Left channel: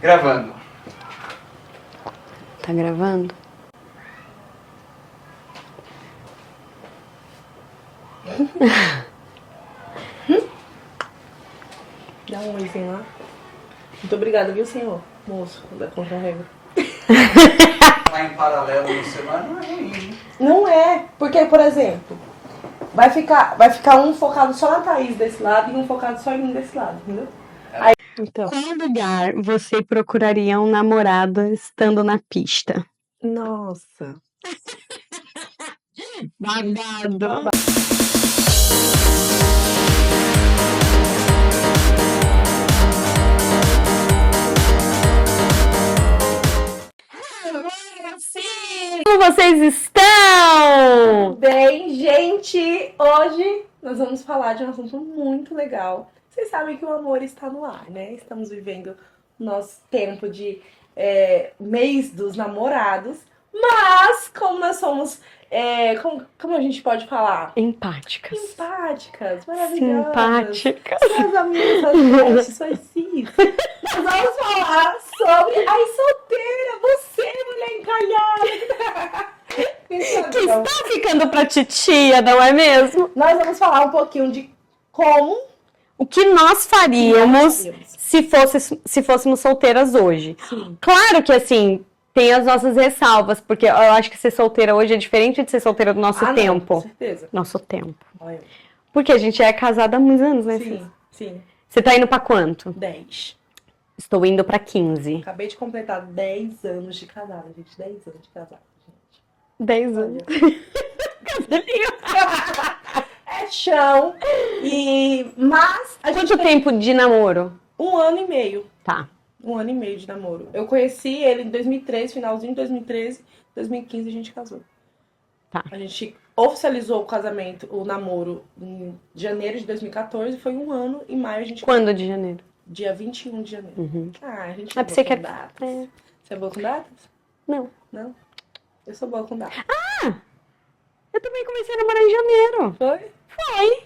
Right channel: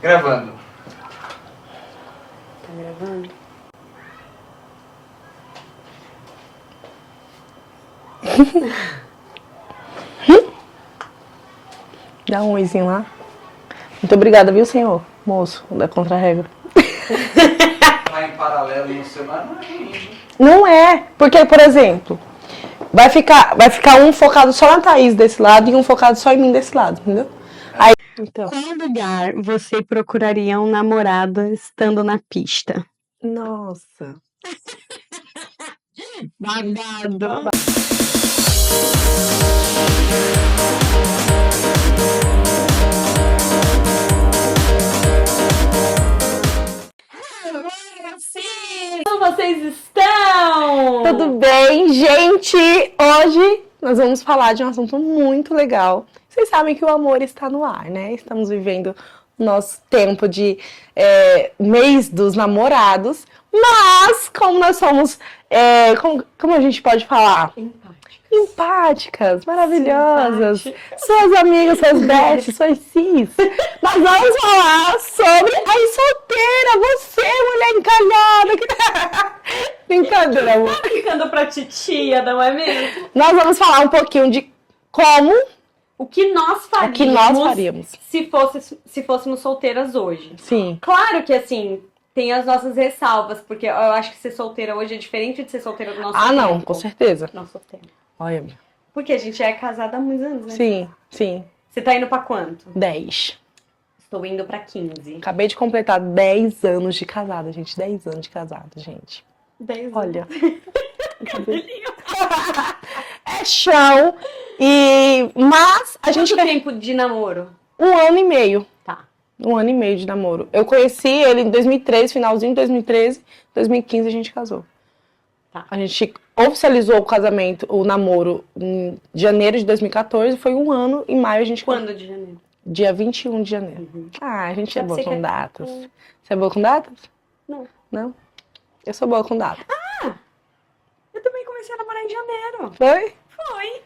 Gravando. Tá gravando? Dá um oizinho lá. Muito obrigada, viu, senhor? Moço, da contra-regra. Tá em paralelo no celular não é ruim. Não é, porque, por exemplo, vai ficar um focado só na Thaís desse lado e um focado só em mim desse lado, entendeu? Aí, então. Qual lugar você procuraria um namorado estando na pista? Nossa. Babado. Como vocês estão? Tudo bem, gente? Hoje nós vamos falar de um assunto muito legal. Vocês sabem que o amor está no ar, né? Estamos vivendo o nosso tempo de mês dos namorados. Mas, como nós somos, como a gente pode falar? Empáticas. Empáticas, maravilhosas. Simpáticas. Suas amigas, suas bestes, suas cis. Nós vamos falar sobre a solteira, você, mulher encalhada. Brincadeira. Tá ficando pra titia, não é mesmo? Nós vamos falar um pouquinho de como O que nós faríamos, se fôssemos solteiras hoje. Sim. Claro que, assim, tem as nossas ressalvas, porque eu acho que ser solteira hoje é diferente de ser solteira do nosso tempo. Não, com certeza. Nosso tempo. Olha. Porque a gente é casada há muitos anos, né? Sim, sim. Você tá indo pra quanto? 10. Estou indo pra 15. Acabei de completar 10 anos de casada, gente. 10 anos de casada, gente. 10 anos. Olha. É chão. Mas a gente Quanto tempo de namoro? 1 ano e meio. Tá. 1 ano e meio de namoro. Eu conheci ele em 2013, finalzinho de 2013. 2015 a gente casou. Tá. A gente oficializou o casamento, o namoro, em janeiro de 2014. Foi 1 ano, em maio a gente casou. Quando de janeiro? Dia 21 de janeiro. Uhum. Ah, a gente é Sabe boa você com quer- datas. É. Você é boa com datas? Não. Não? Eu sou boa com datas. Eu também comecei a namorar em janeiro. Foi? Foi.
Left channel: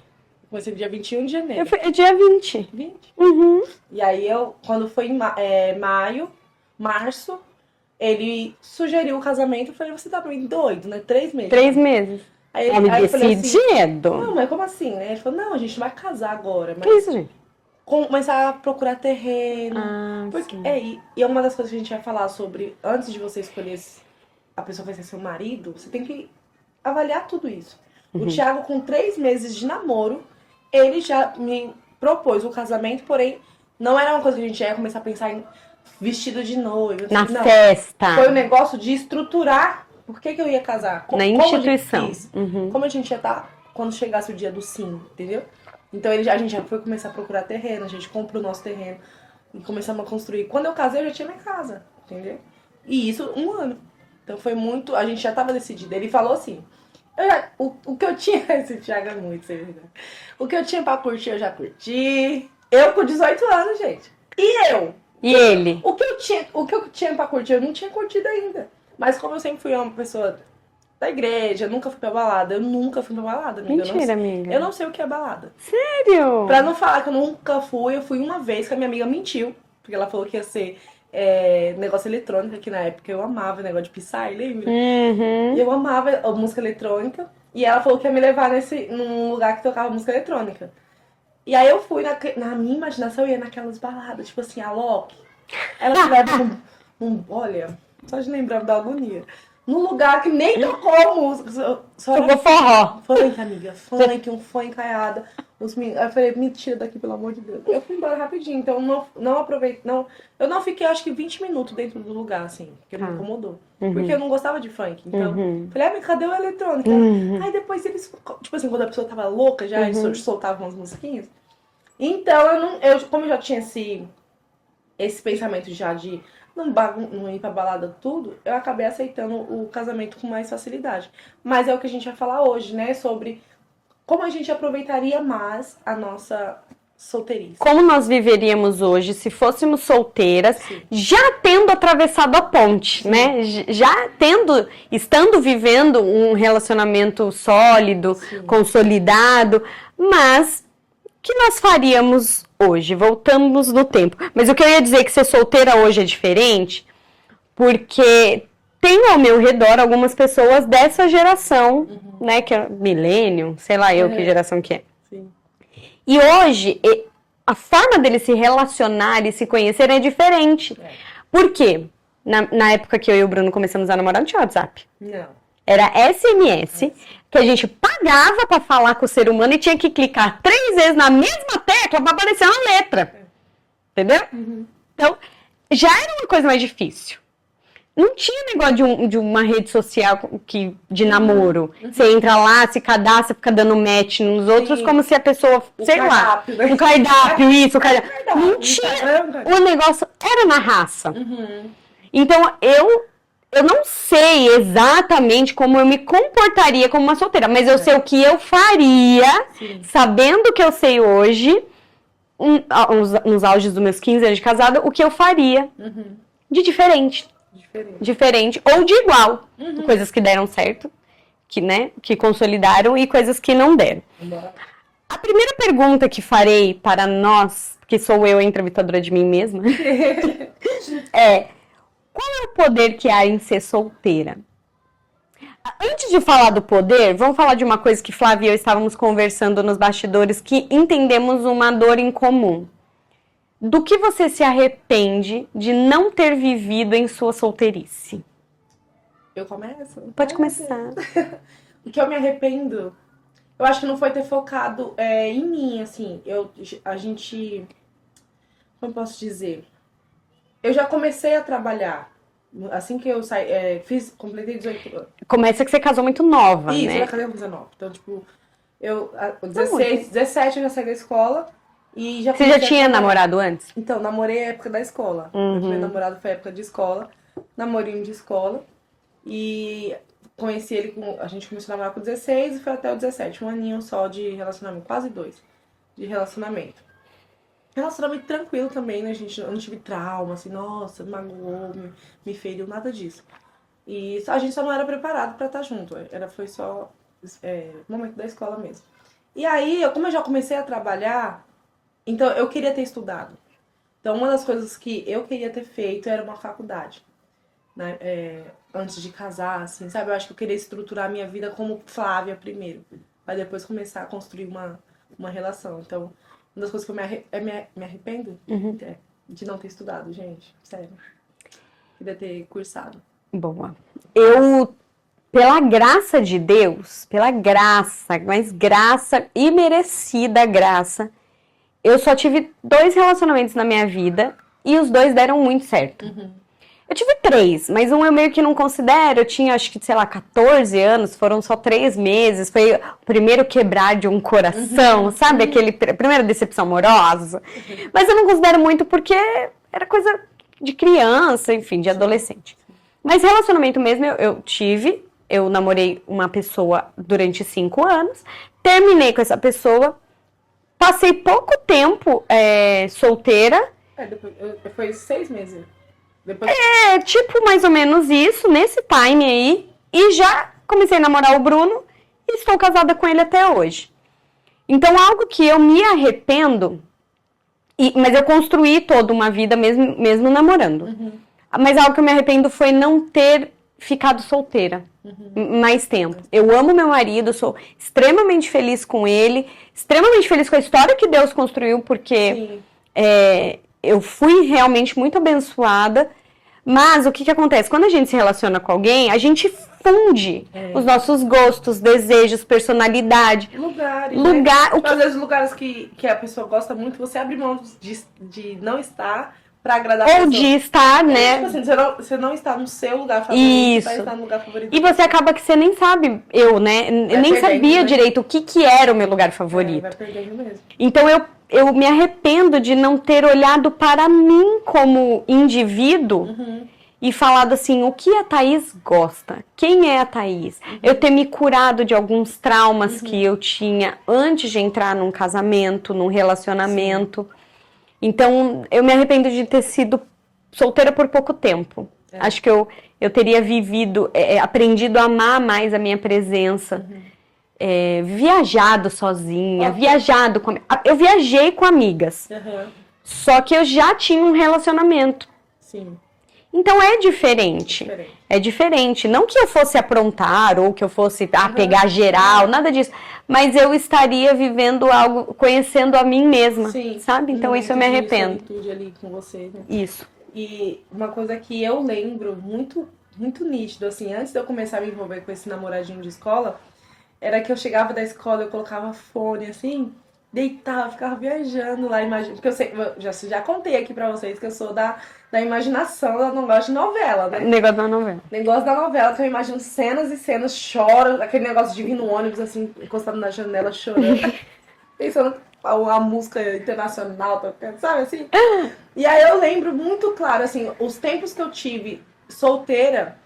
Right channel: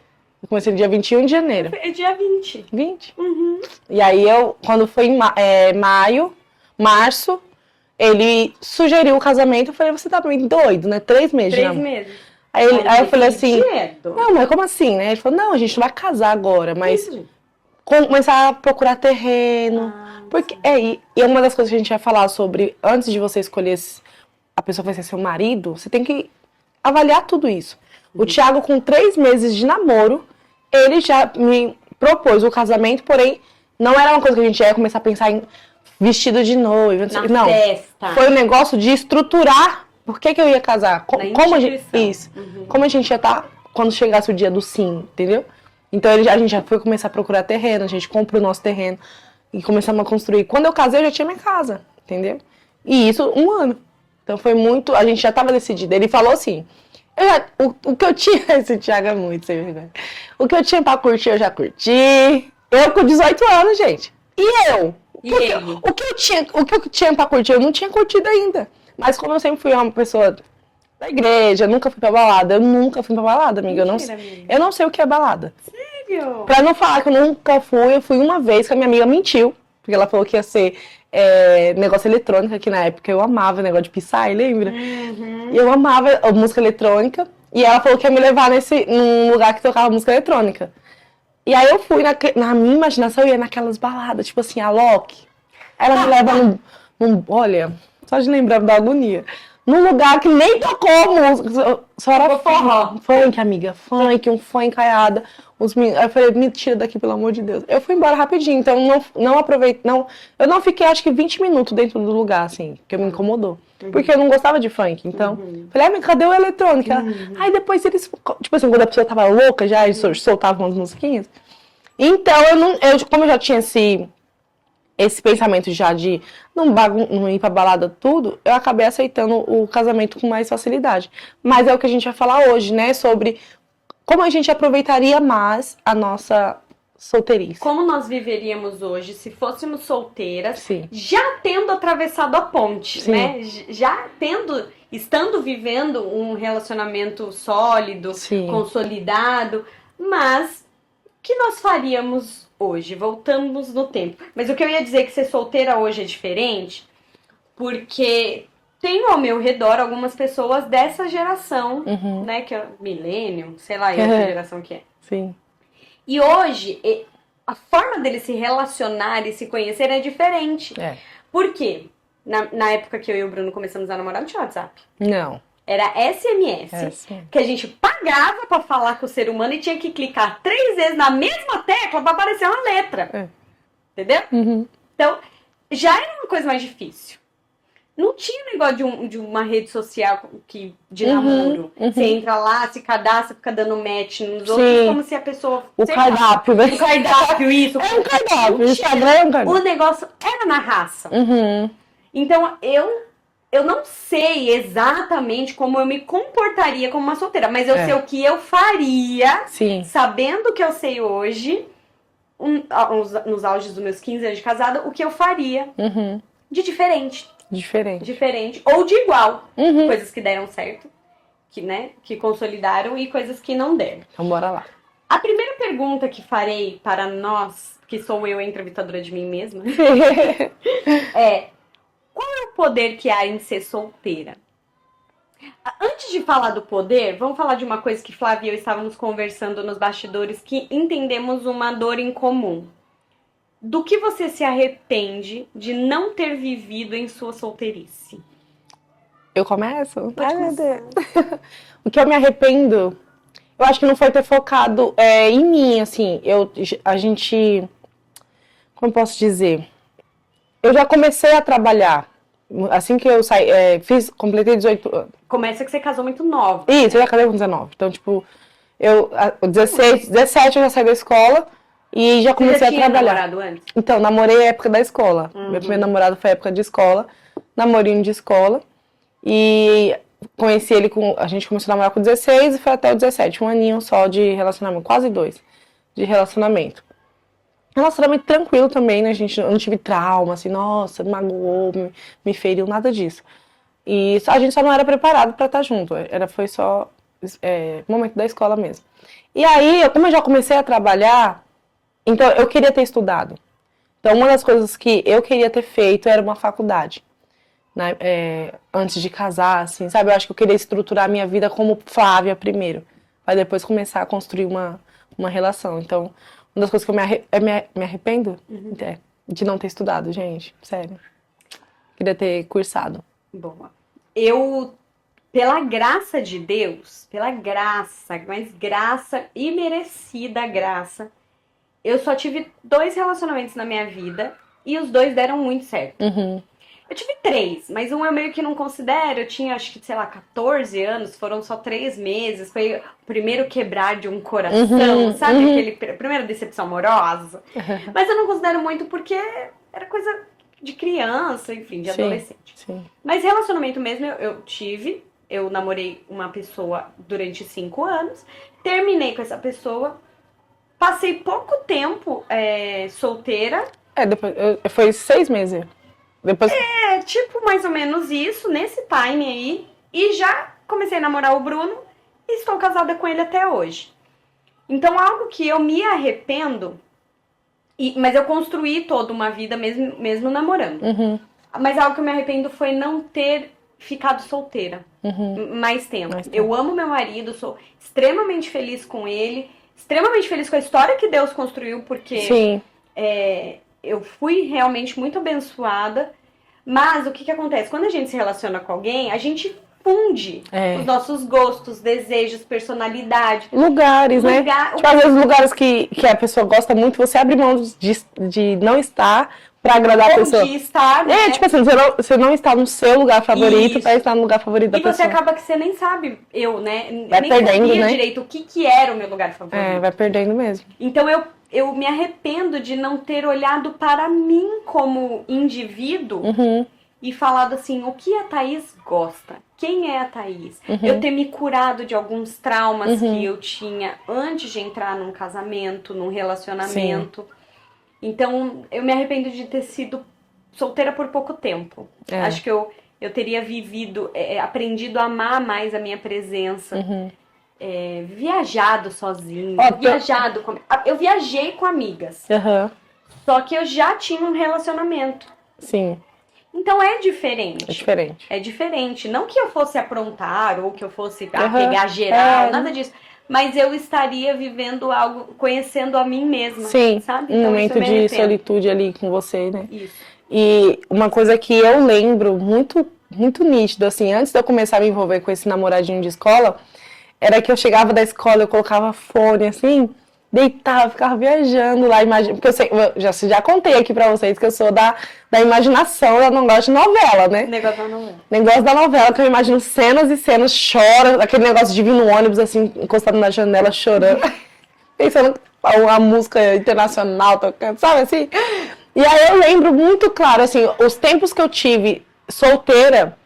Eu comecei no dia 21 de janeiro. É dia 20. 20? Uhum. E aí, quando foi em março, ele sugeriu o casamento. Eu falei, você tá meio doido, né? 3 meses. 3 né? meses. Aí eu falei assim, Decidido. não, mas como assim, né? Ele falou, não, a gente não vai casar agora, mas Isso, gente. começar a procurar terreno. Ah, Porque, sim. e uma das coisas que a gente vai falar sobre, antes de você escolher se a pessoa vai ser seu marido, você tem que avaliar tudo isso. O Thiago, com 3 meses de namoro, ele já me propôs o casamento, porém, não era uma coisa que a gente ia começar a pensar em vestido de noiva. Na Não, festa. foi um negócio de estruturar por que eu ia casar. Na Como a gente, instituição. isso. Uhum. Como a gente ia estar quando chegasse o dia do sim, entendeu? Então a gente já foi começar a procurar terreno, a gente comprou o nosso terreno e começamos a construir. Quando eu casei, eu já tinha minha casa, entendeu? E isso 1 ano. Então foi muito, a gente já estava decidido. Ele falou assim, o que eu tinha, esse Thiago é muito sem vergonha. O que eu tinha pra curtir, eu já curti. Eu com 18 anos, gente. E eu? E ele? O que eu tinha pra curtir, eu não tinha curtido ainda. Mas como eu sempre fui uma pessoa da igreja, eu nunca fui pra balada. Eu nunca fui pra balada, amiga. Mentira, eu não, amiga. Eu não sei o que é balada. Sério? Pra não falar que eu nunca fui, eu fui uma vez que a minha amiga mentiu. Porque ela falou que ia ser negócio eletrônico, que na época eu amava o negócio de Psy, lembra? Uhum. E eu amava a música eletrônica. E ela falou que ia me levar num lugar que tocava música eletrônica. E aí eu fui, na minha imaginação, eu ia naquelas baladas, tipo assim, a Loki. Aí ela me leva olha, só de lembrar da agonia. Num lugar que nem tocou música, só era forró. Funk, amiga, funk, um funk encaiada. Aí eu falei, me tira daqui, pelo amor de Deus. Eu fui embora rapidinho, então não aproveitei, eu não fiquei acho que 20 minutos dentro do lugar, assim, porque me incomodou. Porque eu não gostava de funk, então, falei, mas cadê o eletrônico? Aí depois eles, tipo assim, quando a pessoa tava louca já, eles soltavam umas musiquinhas. Então, como eu já tinha esse pensamento já de não ir pra balada tudo, eu acabei aceitando o casamento com mais facilidade. Mas é o que a gente vai falar hoje, né? Sobre como a gente aproveitaria mais a nossa solteirice. Como nós viveríamos hoje se fôssemos solteiras, Sim. já tendo atravessado a ponte, Sim. né? Estando vivendo um relacionamento sólido, Sim. consolidado, mas que nós faríamos hoje? Voltamos no tempo. Mas eu queria dizer que ser solteira hoje é diferente, porque tenho ao meu redor algumas pessoas dessa geração, né, que é millennium, sei lá eu que geração que é. Sim. E hoje, a forma deles se relacionar e se conhecer é diferente. Por quê? Na época que eu e o Bruno começamos a namorar, não tinha WhatsApp. Não. Era SMS, que a gente pagava pra falar com o ser humano e tinha que clicar 3 vezes na mesma tecla pra aparecer uma letra. Entendeu? Então, já era uma coisa mais difícil. Não tinha negócio de uma rede social de namoro. Você entra lá, se cadastra, fica dando match nos outros, como se a pessoa, sei lá, o cardápio, isso, o cardápio. O negócio era na raça. Então, eu não sei exatamente como eu me comportaria como uma solteira, mas eu sei o que eu faria, sabendo o que eu sei hoje, nos auges dos meus 15 anos de casada, o que eu faria de diferente. Diferente ou de igual. Coisas que deram certo, que consolidaram, e coisas que não deram. Então, bora lá. A primeira pergunta que farei para nós, que sou eu a entrevistadora de mim mesma, é: qual é o poder que há em ser solteira? Antes de falar do poder, vamos falar de uma coisa que Flávia e eu estávamos conversando nos bastidores, que entendemos uma dor em comum. Do que você se arrepende de não ter vivido em sua solteirice? Eu começo? Pode começar. O que eu me arrependo, eu acho que não foi ter focado em mim, assim. Como eu posso dizer? Eu já comecei a trabalhar. Assim que eu saí, completei 18 anos. Começa que você casou muito nova, Isso, né? eu já casei com 19. Então, tipo, 17 eu já saí da escola. E já Você já tinha namorado antes? Então, namorei a época da escola. Meu primeiro namorado foi a época de escola. Namorinho de escola. E conheci ele a gente começou a namorar com 16 e foi até o 17. Um aninho só de relacionamento. Quase 2 de relacionamento. Relacionamento tranquilo também, né? Eu não tive trauma, assim, nossa, magoou, me feriu, nada disso. E a gente só não era preparado pra estar junto. Foi só momento da escola mesmo. E aí, como eu já comecei a trabalhar, então eu queria ter estudado. Então, uma das coisas que eu queria ter feito era uma faculdade. Né? Antes de casar, assim, sabe? Eu acho que eu queria estruturar a minha vida como Flávia primeiro. Pra depois começar a construir uma relação. Então, uma das coisas que eu me arrependo de não ter estudado, gente. Sério. Queria ter cursado. Boa. Eu, pela graça de Deus, mas graça, imerecida graça, eu só tive 2 relacionamentos na minha vida e os 2 deram muito certo. Eu tive 3, mas um eu meio que não considero. Eu tinha, acho que, sei lá, 14 anos, foram só 3 meses. Foi o primeiro quebrar de um coração, sabe? Aquele primeira decepção amorosa. Mas eu não considero muito porque era coisa de criança, enfim, de adolescente. Sim. Mas relacionamento mesmo eu tive. Eu namorei uma pessoa durante 5 anos. Terminei com essa pessoa. Passei pouco tempo solteira. Depois, foi 6 meses. Depois... tipo mais ou menos isso, nesse time aí. E já comecei a namorar o Bruno e estou casada com ele até hoje. Então, algo que eu me arrependo, mas eu construí toda uma vida mesmo namorando. Mas algo que eu me arrependo foi não ter ficado solteira mais tempo. Eu amo meu marido, sou extremamente feliz com ele, extremamente feliz com a história que Deus construiu, porque eu fui realmente muito abençoada. Mas o que acontece? Quando a gente se relaciona com alguém, a gente funde os nossos gostos, desejos, personalidade. Lugares, né? Tipo, às vezes lugares que a pessoa gosta muito, você abre mão de não estar pra agradar a pessoa. Ou de estar, né? Tipo assim, você não está no seu lugar favorito, pra estar no lugar favorito da pessoa. E você acaba que você nem sabe, eu nem sabia direito o que era o meu lugar favorito. Vai perdendo mesmo. Então eu me arrependo de não ter olhado para mim como indivíduo e falado assim, o que a Thaís gosta? Quem é a Thaís? Eu ter me curado de alguns traumas que eu tinha antes de entrar num casamento, num relacionamento. Então, eu me arrependo de ter sido solteira por pouco tempo. Acho que eu teria vivido, aprendido a amar mais a minha presença. viajado sozinha, Ó, viajado com... Eu viajei com amigas, Aham. só que eu já tinha um relacionamento. Sim, Então é é diferente. diferente. É diferente. Não que eu fosse aprontar ou que eu fosse pegar geral, nada disso. Mas eu estaria vivendo algo, conhecendo a mim mesma. Sim, Sabe? um Então isso momento eu me de arrependo. solitude ali com você, né? Isso. E uma coisa que eu lembro muito, muito nítido, assim, antes de eu começar a me envolver com esse namoradinho de escola, era que eu chegava da escola, eu colocava fone, assim, deitava, ficava viajando lá, porque eu já contei aqui pra vocês que eu sou da imaginação, eu não gosto de novela, né? Negócio da novela. Negócio da novela, que eu imagino cenas e cenas, choro, aquele negócio de vir no ônibus, assim, encostado na janela, chorando, pensando a música internacional tocando, sabe assim? E aí eu lembro muito claro, assim, os tempos que eu tive solteira,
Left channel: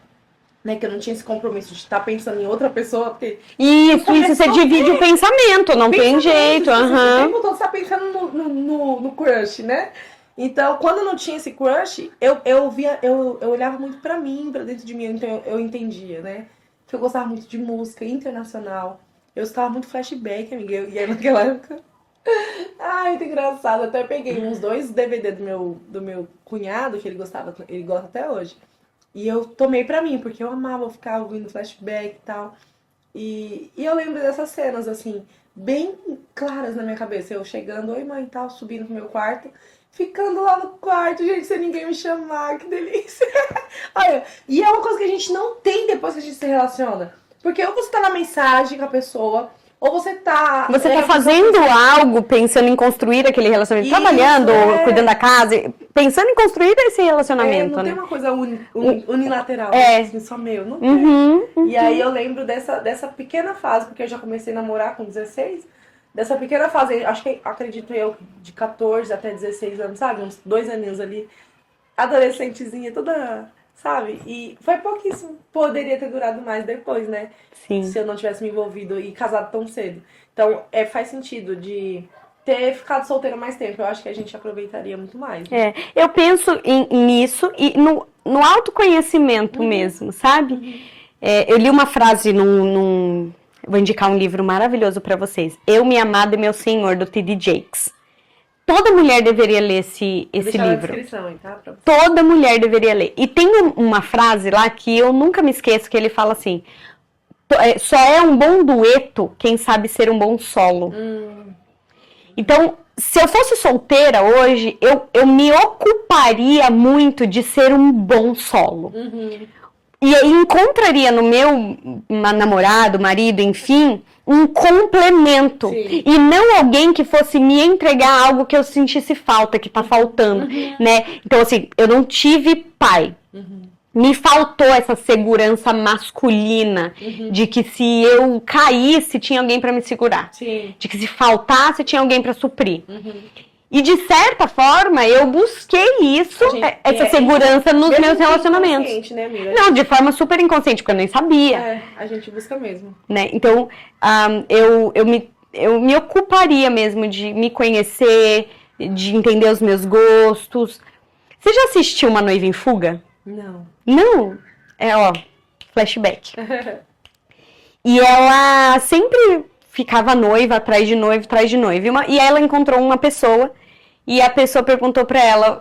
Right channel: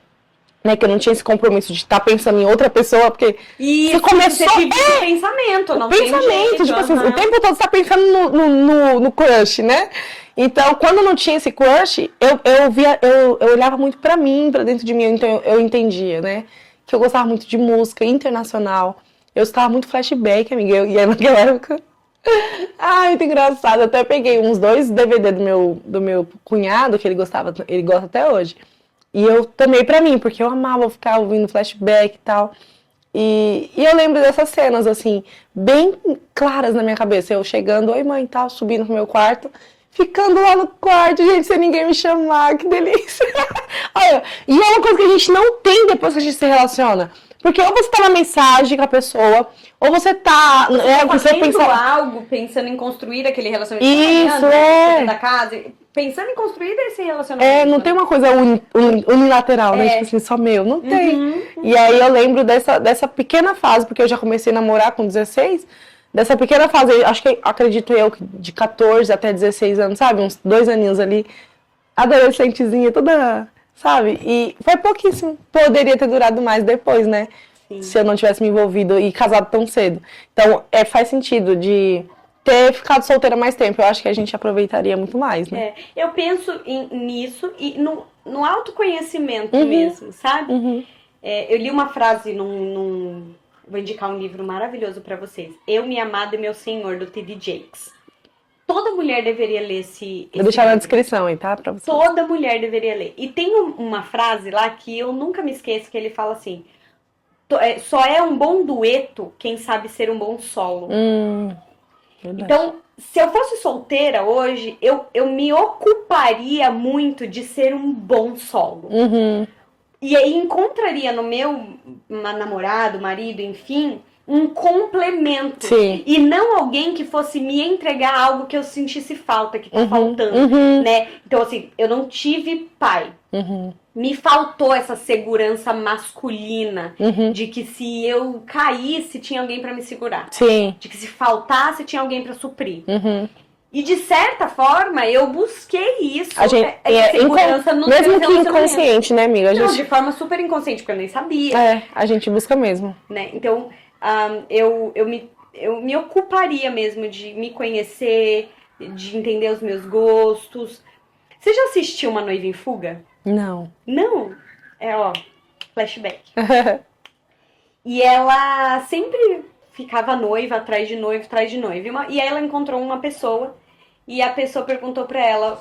né, que eu não tinha esse compromisso de estar pensando em outra pessoa, porque Isso, começou- você divide o pensamento, não tem pensamento, jeito. tipo assim, o tempo todo você tá pensando no crush, né? Então, quando não tinha esse crush, eu olhava muito pra mim, pra dentro de mim, então eu entendia, né? Que eu gostava muito de música internacional. Eu escutava muito flashback, amiga, e aí naquela época... Ai, muito engraçado. Eu até peguei uns 2 DVD do meu cunhado, que ele gosta até hoje. E eu tomei pra mim, porque eu amava ficar ouvindo flashback e tal. E eu lembro dessas cenas, assim, bem claras na minha cabeça. Eu chegando, oi mãe, tal, subindo pro meu quarto, ficando lá no quarto, gente, sem ninguém me chamar, que delícia. Olha, e é uma coisa que a gente não tem depois que a gente se relaciona. Porque ou você tá na mensagem com a pessoa, ou você tá Fazendo algo, pensando em construir aquele relacionamento, Isso, trabalhando, cuidando da casa, pensando em construir esse relacionamento. não né? tem uma coisa unilateral, né? Tipo assim, só meu. Não tem. E aí eu lembro dessa pequena fase, porque eu já comecei a namorar com 16, dessa pequena fase, acredito eu, de 14 até 16 anos, sabe? Uns 2 aninhos ali, adolescentezinha, toda, sabe? E foi pouquíssimo. Poderia ter durado mais depois, né? Sim. Se eu não tivesse me envolvido e casado tão cedo. Então, faz sentido de ter ficado solteira mais tempo. Eu acho que a gente aproveitaria muito mais, né? Eu penso nisso e no autoconhecimento mesmo, sabe? Eu li uma frase vou indicar um livro maravilhoso pra vocês. Eu, Minha Amada e Meu Senhor, do T.D. Jakes. Toda mulher deveria ler esse Vou deixar livro. na descrição aí, tá? Pra você. Toda mulher deveria ler. E tem uma frase lá que eu nunca me esqueço, que ele fala assim: só é um bom dueto quem sabe ser um bom solo. Então, se eu fosse solteira hoje, eu me ocuparia muito de ser um bom solo. E aí encontraria no meu namorado, marido, enfim, um complemento. Sim. E não alguém que fosse me entregar algo que eu sentisse falta, que tá faltando, né? Então, assim, eu não tive pai. Me faltou essa segurança masculina de que se eu caísse, tinha alguém pra me segurar. Sim. De que se faltasse, tinha alguém pra suprir. E de certa forma, eu busquei isso, essa segurança nos meus relacionamentos. Inconsciente, né, amiga? Não, de forma super inconsciente, porque eu nem sabia. A gente busca mesmo. Né? Então, eu me ocuparia mesmo de me conhecer, de entender os meus gostos. Você já assistiu Uma Noiva em Fuga? Não. Não? Flashback. E ela sempre ficava noiva, atrás de noivo, atrás de noivo. E ela encontrou uma pessoa, e a pessoa perguntou pra ela,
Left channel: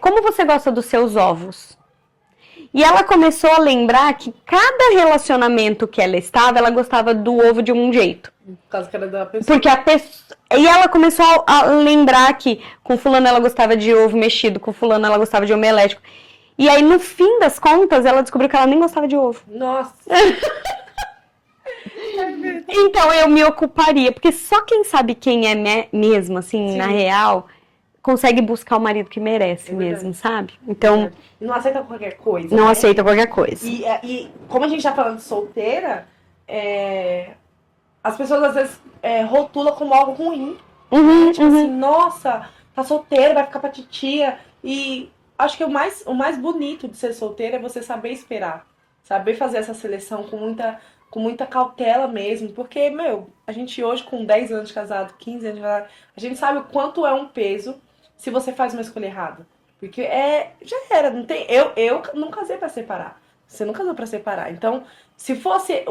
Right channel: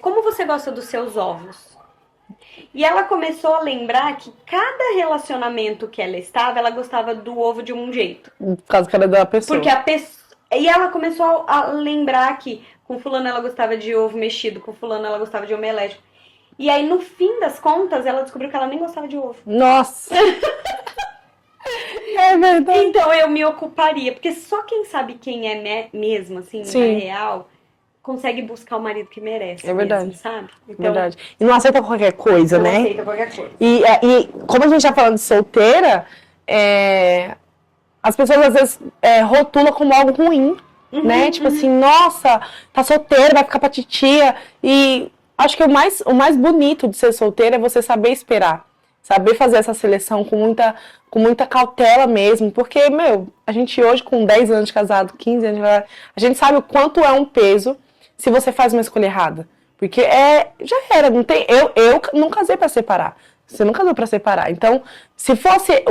como você gosta dos seus ovos? E ela começou a lembrar que cada relacionamento que ela estava, ela gostava do ovo de um jeito. Por causa que era da pessoa. Porque e ela começou a lembrar que com fulano ela gostava de ovo mexido, com fulano ela gostava de omelético. E aí, no fim das contas, ela descobriu que ela nem gostava de ovo. Nossa! É verdade. Então, eu me ocuparia. Porque só quem sabe quem é mesmo, assim, Sim. na real, consegue buscar o marido que merece mesmo, sabe? Então, Verdade. E não aceita qualquer coisa, não né? aceita qualquer coisa. E como a gente tá falando de solteira, as pessoas às vezes rotulam como algo ruim, né? Tipo assim, nossa, tá solteira, vai ficar pra titia. E acho que o mais bonito de ser solteira é você saber esperar. Saber fazer essa seleção com muita cautela mesmo. Porque, a gente hoje com 10 anos de casado, 15 anos de casado, a gente sabe o quanto é um peso se você faz uma escolha errada. Porque já era, não tem... Eu não casei pra separar. Você não casou pra separar. Então, se fosse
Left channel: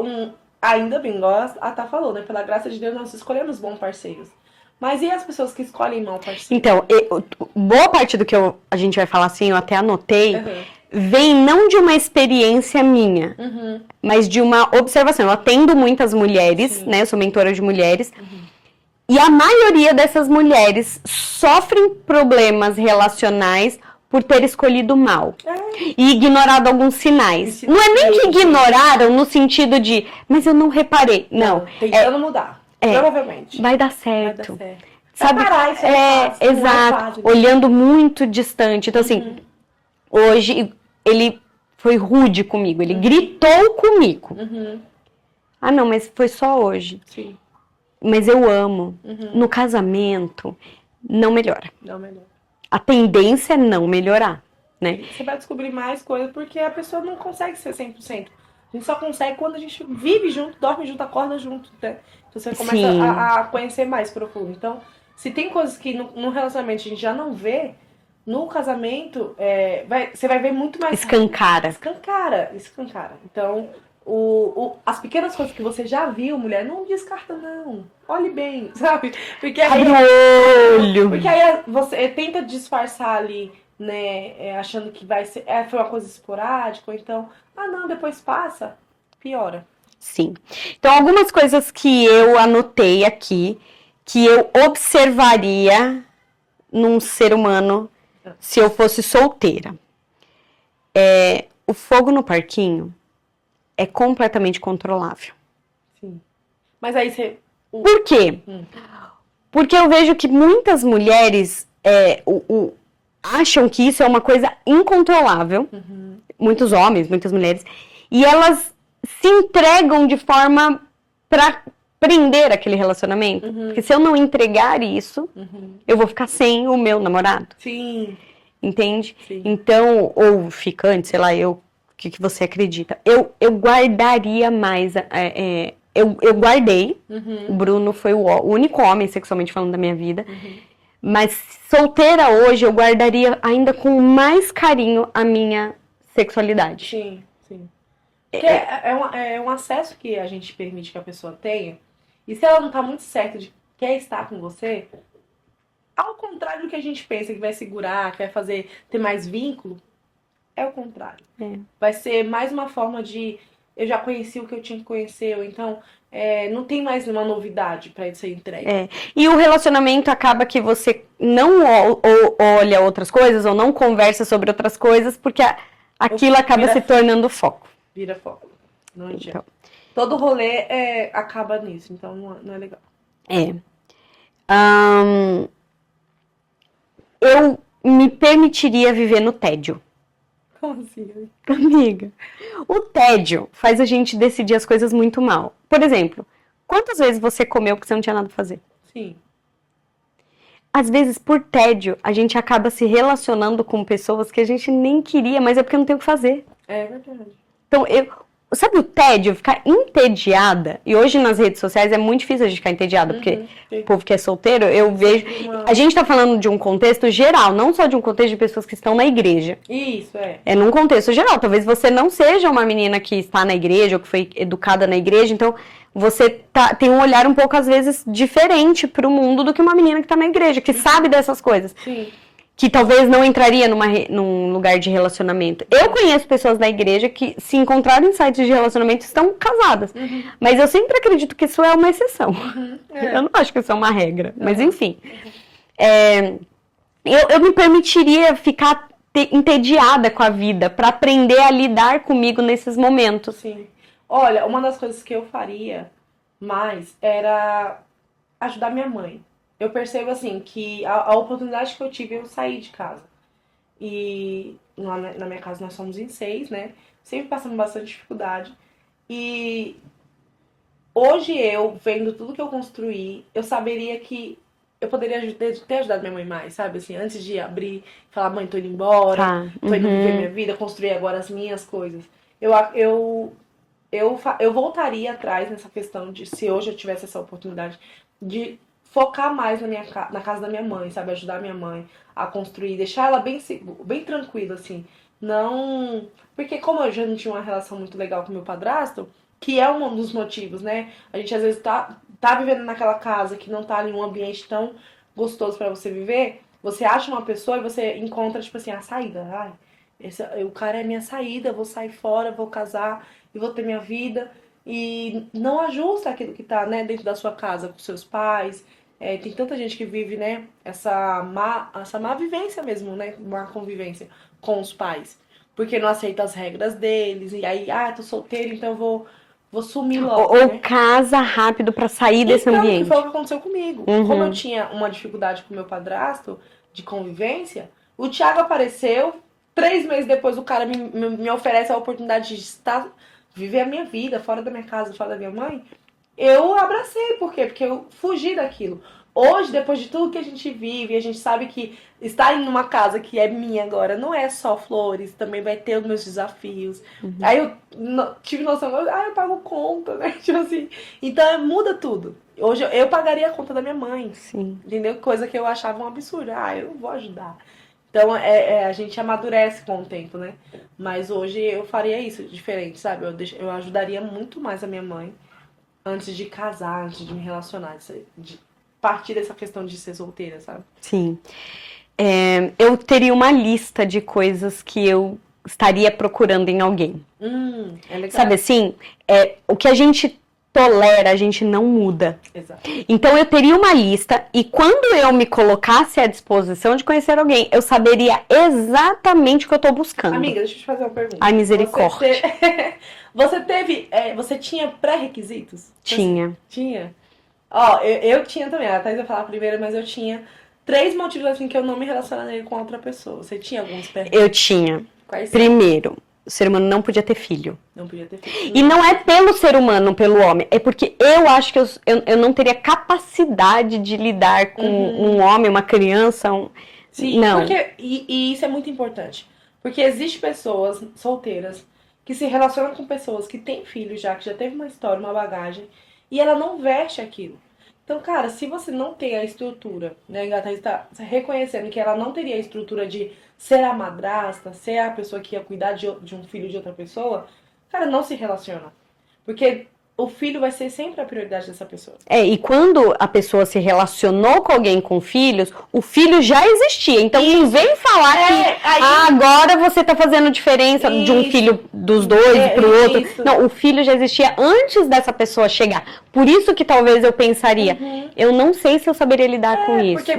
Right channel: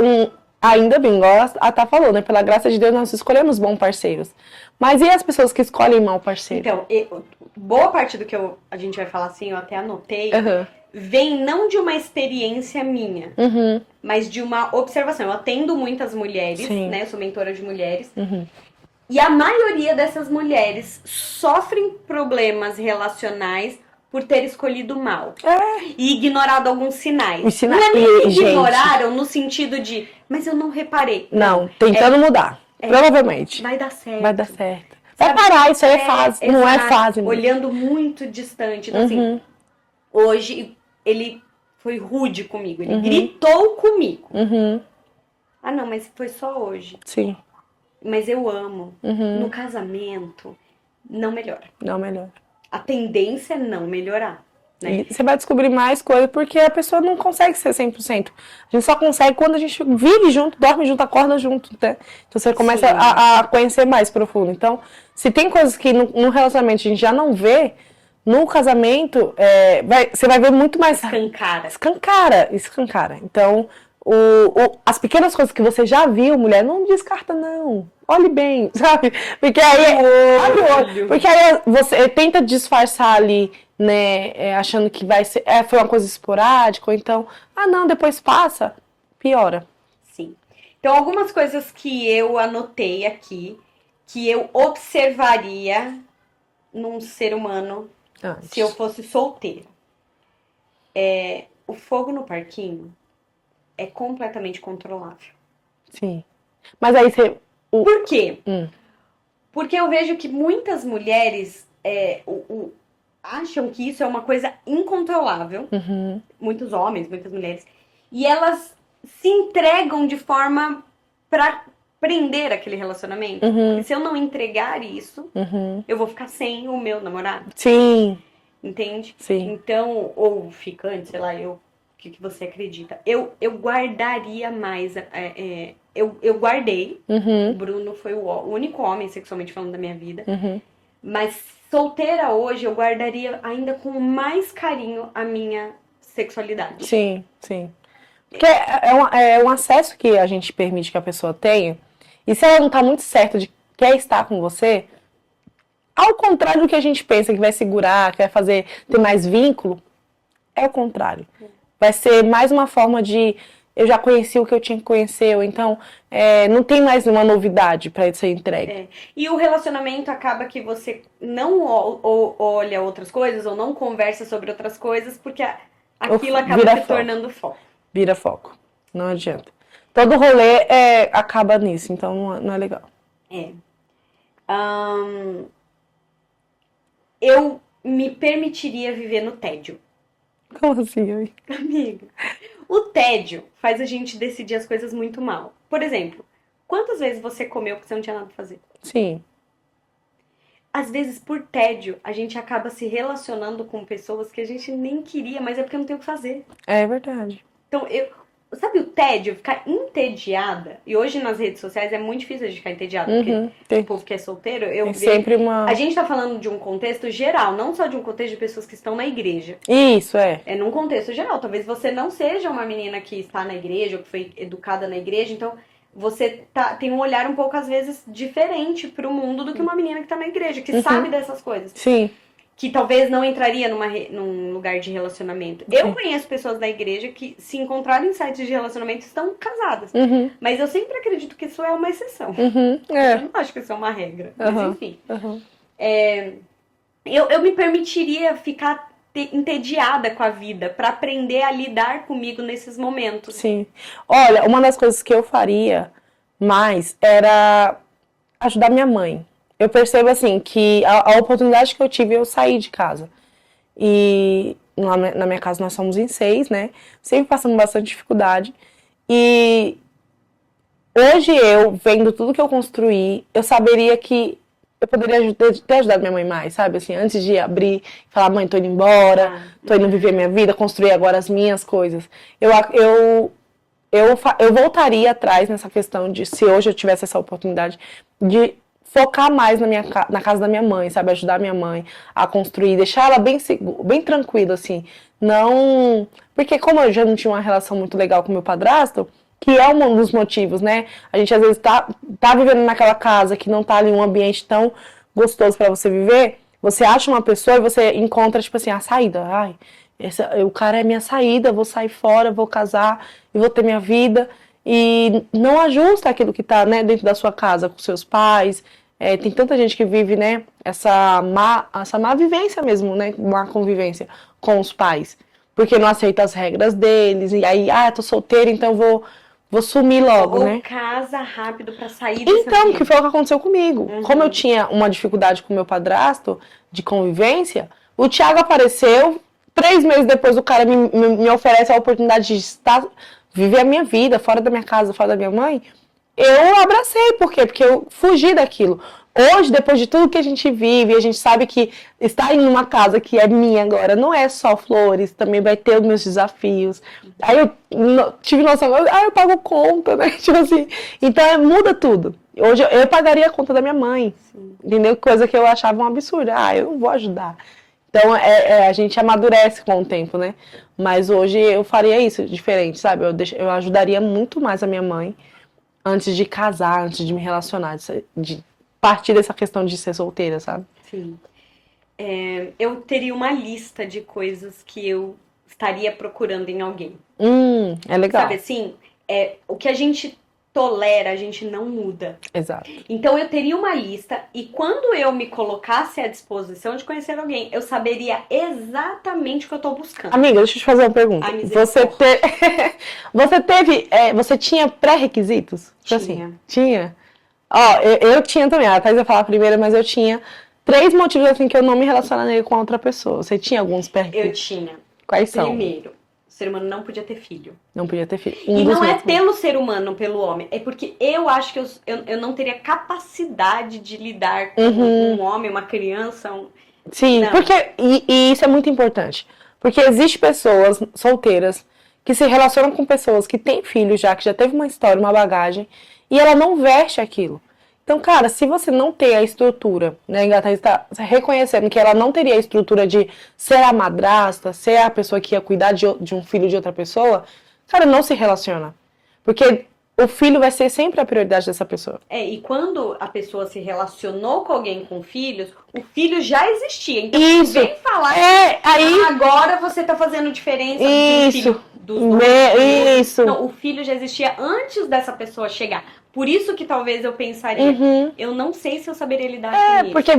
ainda bem, igual a Tá falou, né? Pela graça de Deus, nós escolhemos bons parceiros. Mas e as pessoas que escolhem mau parceiro? Então, boa parte do que a gente vai falar assim, eu até anotei, vem não de uma experiência minha, mas de uma observação. Eu atendo muitas mulheres, né? Eu sou mentora de mulheres. E a maioria dessas mulheres sofrem problemas relacionais por ter escolhido mal. E ignorado alguns sinais. Não é nem que ignoraram no sentido de, mas eu não reparei. Não, tentando mudar. Provavelmente. Vai dar certo. Vai dar certo. Sabe, isso é fácil. Não é fácil. Olhando muito distante. Então, assim, hoje ele foi rude comigo. Ele gritou comigo. Ah, não, mas foi só hoje. Sim. Mas eu amo. No casamento, não melhora. Não melhora. A tendência é não melhorar, né? E você vai descobrir mais coisas porque a pessoa não consegue ser 100%. A gente só consegue quando a gente vive junto, dorme junto, acorda junto, né? Então você começa a conhecer mais profundo. Então, se tem coisas que no relacionamento a gente já não vê, no casamento, você vai ver muito mais... Escancara. Então, as pequenas coisas que você já viu, mulher, não descarta, não. Olhe bem, sabe? Porque aí você tenta disfarçar ali, né? Achando que vai ser, foi uma coisa esporádica, ou então, não, depois passa, piora. Sim. Então, algumas coisas que eu anotei aqui, que eu observaria num ser humano se eu fosse solteira. O fogo no parquinho é completamente controlável. Sim. Mas aí você... Por quê? Porque eu vejo que muitas mulheres acham que isso é uma coisa incontrolável. Muitos homens, muitas mulheres. E elas se entregam de forma para prender aquele relacionamento. Porque se eu não entregar isso, eu vou ficar sem o meu namorado. Sim. Entende? Sim. Então, ou ficante, sei lá, o que você acredita. Eu guardaria mais... Eu guardei. O Bruno foi o único homem, sexualmente falando, da minha vida. Mas solteira hoje, eu guardaria ainda com mais carinho a minha sexualidade. Sim, sim. Porque é um acesso que a gente permite que a pessoa tenha. E se ela não tá muito certa de quer estar com você, ao contrário do que a gente pensa, que vai segurar, que vai ter mais vínculo, é o contrário. Vai ser mais uma forma de... Eu já conheci o que eu tinha que conhecer, ou então não tem mais uma novidade para ser entregue. E o relacionamento acaba que você não olha outras coisas, ou não conversa sobre outras coisas, porque aquilo acaba se tornando foco. Vira foco. Não adianta. Todo rolê acaba nisso, então não é legal. Eu me permitiria viver no tédio. Como assim, amiga? O tédio faz a gente decidir as coisas muito mal. Por exemplo, quantas vezes você comeu porque você não tinha nada pra fazer? Sim. Às vezes, por tédio, a gente acaba se relacionando com pessoas que a gente nem queria, mas é porque não tem o que fazer. É verdade. Então, sabe o tédio? Ficar entediada. E hoje nas redes sociais é muito difícil a gente ficar entediada, porque o povo que é solteiro, eu vejo... A gente tá falando de um contexto geral, não só de um contexto de pessoas que estão na igreja. Isso, É num contexto geral. Talvez você não seja uma menina que está na igreja, ou que foi educada na igreja, então você tem um olhar um pouco, às vezes, diferente pro mundo do que uma menina que tá na igreja, que sabe dessas coisas. Sim. Que talvez não entraria num lugar de relacionamento. Eu conheço pessoas da igreja que se encontraram em sites de relacionamento estão casadas. Mas eu sempre acredito que isso é uma exceção. Eu não acho que isso é uma regra. Mas enfim. Eu me permitiria ficar entediada com a vida para aprender a lidar comigo nesses momentos. Sim. Olha, uma das coisas que eu faria mais era ajudar minha mãe. Eu percebo, assim, que a oportunidade que eu tive, eu saí de casa. E na minha casa nós somos em 6, né? Sempre passando bastante dificuldade. E hoje eu, vendo tudo que eu construí, eu saberia que eu poderia ter ajudado minha mãe mais, sabe? Assim, antes de abrir, falar, mãe, tô indo embora, tô indo viver minha vida, construir agora as minhas coisas. Eu voltaria atrás nessa questão de, se hoje eu tivesse essa oportunidade, de focar mais na casa da minha mãe, sabe? Ajudar minha mãe a construir, deixar ela bem tranquila, assim. Não... Porque como eu já não tinha uma relação muito legal com meu padrasto, que é um dos motivos, né? A gente às vezes tá vivendo naquela casa que não tá ali um ambiente tão gostoso pra você viver, você acha uma pessoa e você encontra, tipo assim, a saída. Ai, o cara é minha saída, eu vou sair fora, vou casar e vou ter minha vida. E não ajusta aquilo que tá, né, dentro da sua casa, com seus pais. Tem tanta gente que vive, né, essa má vivência mesmo, né, má convivência com os pais. Porque não aceita as regras deles, e aí, tô solteira, então vou sumir logo, Ou né? casa rápido pra sair desse Então, ambiente. que foi o que aconteceu comigo. Como eu tinha uma dificuldade com meu padrasto de convivência, o Thiago apareceu, 3 meses depois o cara me oferece a oportunidade de viver a minha vida fora da minha casa, fora da minha mãe. Eu abracei, por quê? Porque eu fugi daquilo. Hoje, depois de tudo que a gente vive, a gente sabe que estar em uma casa que é minha agora não é só flores, também vai ter os meus desafios. Aí eu tive noção, eu pago conta, né? Tipo assim, então muda tudo. Hoje eu pagaria a conta da minha mãe, Sim. entendeu? Coisa que eu achava um absurdo. Eu não vou ajudar. Então a gente amadurece com o tempo, né? Mas hoje eu faria isso diferente, sabe? Eu ajudaria muito mais a minha mãe antes de casar, antes de me relacionar, de partir dessa questão de ser solteira, sabe? Sim. Eu teria uma lista de coisas que eu estaria procurando em alguém. É legal. Sabe assim? O que a gente tolera, a gente não muda. Exato. Então eu teria uma lista e quando eu me colocasse à disposição de conhecer alguém, eu saberia exatamente o que eu tô buscando. Amiga, deixa eu te fazer uma pergunta. Ai, misericórdia. Você tinha pré-requisitos? Tinha. Tinha? Ó, eu tinha também. A Thaís vai falar primeiro, mas eu tinha 3 motivos assim que eu não me relacionaria com outra pessoa. Você tinha alguns pré-requisitos? Eu tinha. Quais são? Primeiro, o ser humano não podia ter filho. Não podia ter filho. E não é pelo ser humano, não pelo homem. É porque eu acho que eu não teria capacidade de lidar com um homem, uma criança. Sim, não. porque e isso é muito importante. Porque existem pessoas solteiras que se relacionam com pessoas que têm filhos já, que já teve uma história, uma bagagem, e ela não veste aquilo. Então, cara, se você não tem a estrutura, né, a Thaís está reconhecendo que ela não teria a estrutura de ser a madrasta, ser a pessoa que ia cuidar de um filho de outra pessoa, cara, não se relaciona. Porque o filho vai ser sempre a prioridade dessa pessoa. E quando a pessoa se relacionou com alguém com filhos, o filho já existia. Então não vem falar que agora você tá fazendo diferença de um filho dos dois pro outro. Isso. Não, o filho já existia antes dessa pessoa chegar. Por isso que talvez eu pensaria, eu não sei se eu saberia lidar com isso. Porque